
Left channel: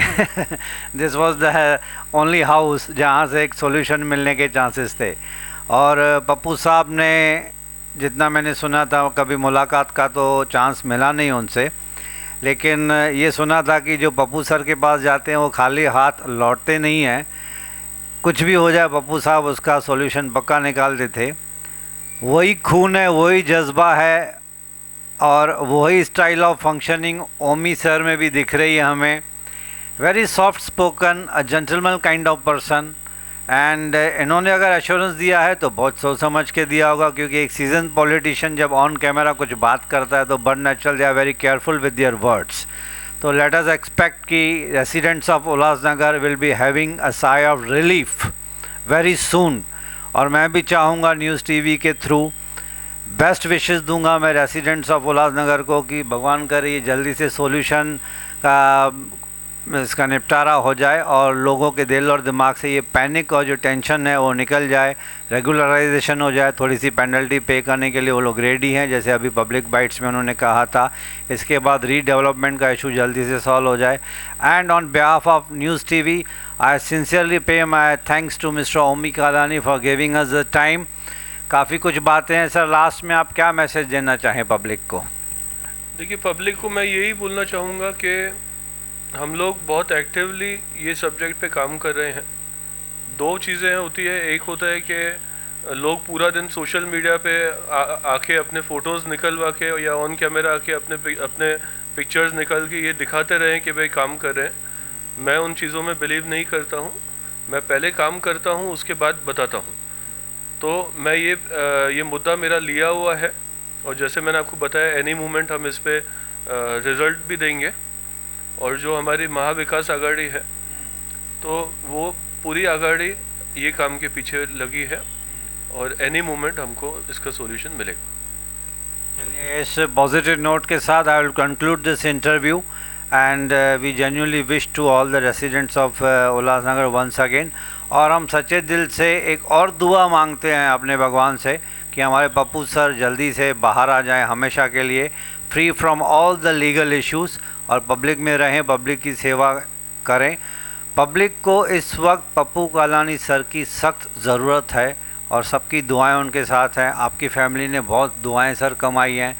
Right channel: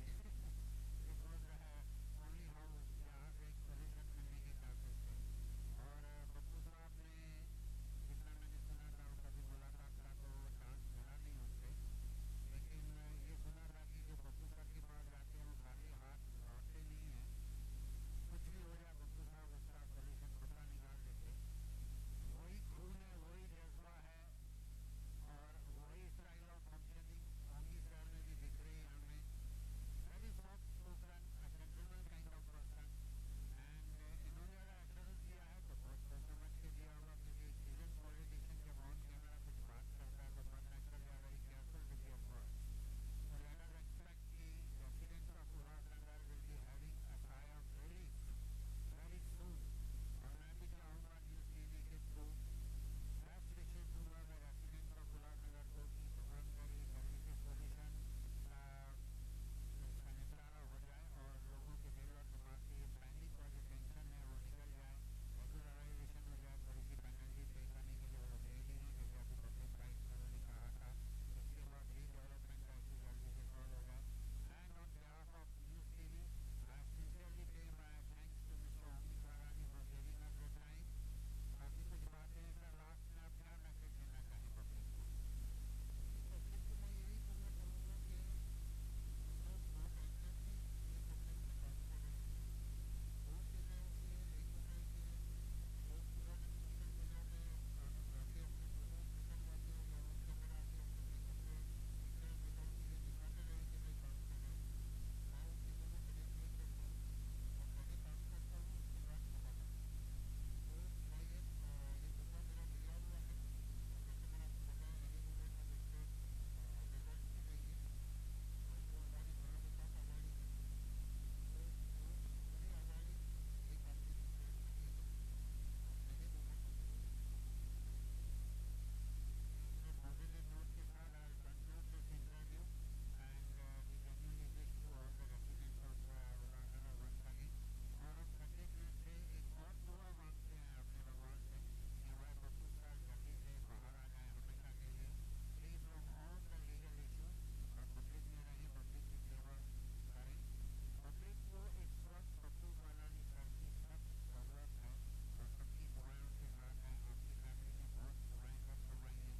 this was the only house जहाँ से एक सॉल्यूशन मिलने के चांसेस थे. और पप्पू साहब ने जितना मैंने सुना था, कभी मुलाकात का तो चांस मिला नहीं उनसे, लेकिन ये सुना था कि जो पप्पू सर के पास जाते हैं वो खाली हाथ लौटते नहीं हैं. कुछ भी हो जाए पप्पू साहब उसका सॉल्यूशन पक्का निकालते थे. वही खून है, वही जज्बा है और वही style of functioning Omi sir में भी दिख रही है हमें. Very soft spoken, a gentleman kind of person. And इन्होंने अगर एश्योरेंस दिया है तो बहुत सोच समझ के दिया होगा, क्योंकि एक सीजन पॉलिटिशियन जब ऑन कैमरा कुछ बात करता है तो but natural they are very careful with their words. तो लेट अस एक्सपेक्ट कि residents of Ulhasnagar will be having a sigh of relief very soon. और मैं भी चाहूँगा न्यूज़ टीवी के थ्रू बेस्ट विशेस दूंगा मैं रेसिडेंट्स ऑफ उल्लासनगर को कि भगवान करे ये जल्दी से सॉल्यूशन का इसका निपटारा हो जाए और लोगों के दिल और दिमाग से ये पैनिक और जो टेंशन है वो निकल जाए, रेगुलराइजेशन हो जाए. थोड़ी सी पेनल्टी पे करने के लिए वो लोग रेडी हैं, जैसे अभी पब्लिक बाइट्स में उन्होंने कहा था. इसके बाद रीडेवलपमेंट का इशू जल्दी से सॉल्व हो जाए. And on behalf of news TV I sincerely pay my thanks to mister Omi Kalani for giving us the time. काफ़ी कुछ बातें हैं सर, लास्ट में आप क्या मैसेज देना चाहें पब्लिक को? देखिए, पब्लिक को मैं यही बोलना चाहूँगा कि हम लोग बहुत एक्टिवली ये सब्जेक्ट पे काम कर रहे हैं. 2 चीज़ें होती है. एक होता है कि लोग पूरा दिन सोशल मीडिया पे आके अपने फ़ोटोज़ निकलवा के या ऑन कैमरा आके अपने पिक्चर्स निकल के ये दिखाते रहें कि भाई काम कर रहे हैं. मैं उन चीज़ों में बिलीव नहीं करता हूँ. मैं पहले काम करता हूँ, उसके बाद बताता हूँ. तो मैं ये मुद्दा मेरा लिया हुआ है और जैसे मैंने आपको बताया एनी मूवमेंट हम इस पर रिज़ल्ट भी देंगे. और जो हमारी महाविकास आघाड़ी है तो वो पूरी आघाड़ी ये काम के पीछे लगी है और एनी मोमेंट हमको इसका सॉल्यूशन मिलेगा. चलिए, इस पॉजिटिव नोट के साथ I will conclude this interview and we genuinely wish to all the residents of Ulhasnagar once again. और हम सच्चे दिल से एक और दुआ मांगते हैं अपने भगवान से कि हमारे पप्पू सर जल्दी से बाहर आ जाएं हमेशा के लिए, free from all the legal issues, और पब्लिक में रहें, पब्लिक की सेवा करें. पब्लिक को इस वक्त पप्पू कालानी सर की सख्त ज़रूरत है और सबकी दुआएं उनके साथ हैं. आपकी फैमिली ने बहुत दुआएं सर कमाई हैं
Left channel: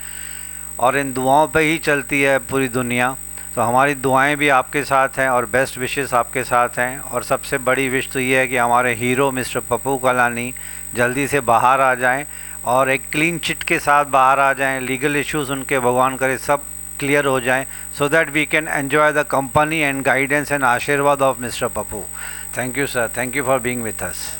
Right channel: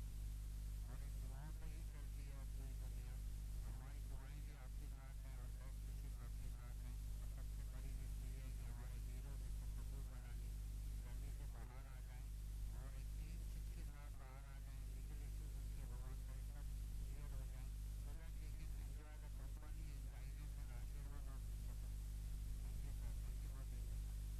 और इन दुआओं पे ही चलती है पूरी दुनिया. तो हमारी दुआएं भी आपके साथ हैं और बेस्ट विशेस आपके साथ हैं. और सबसे बड़ी विश तो ये है कि हमारे हीरो मिस्टर पप्पू कालानी जल्दी से बाहर आ जाएं और एक क्लीन चिट के साथ बाहर आ जाएं. लीगल इश्यूज़ उनके भगवान करे सब क्लियर हो जाएं, so that we can enjoy the company and guidance and आशीर्वाद of Mr. Pappu. Thank you sir, thank you for being with us.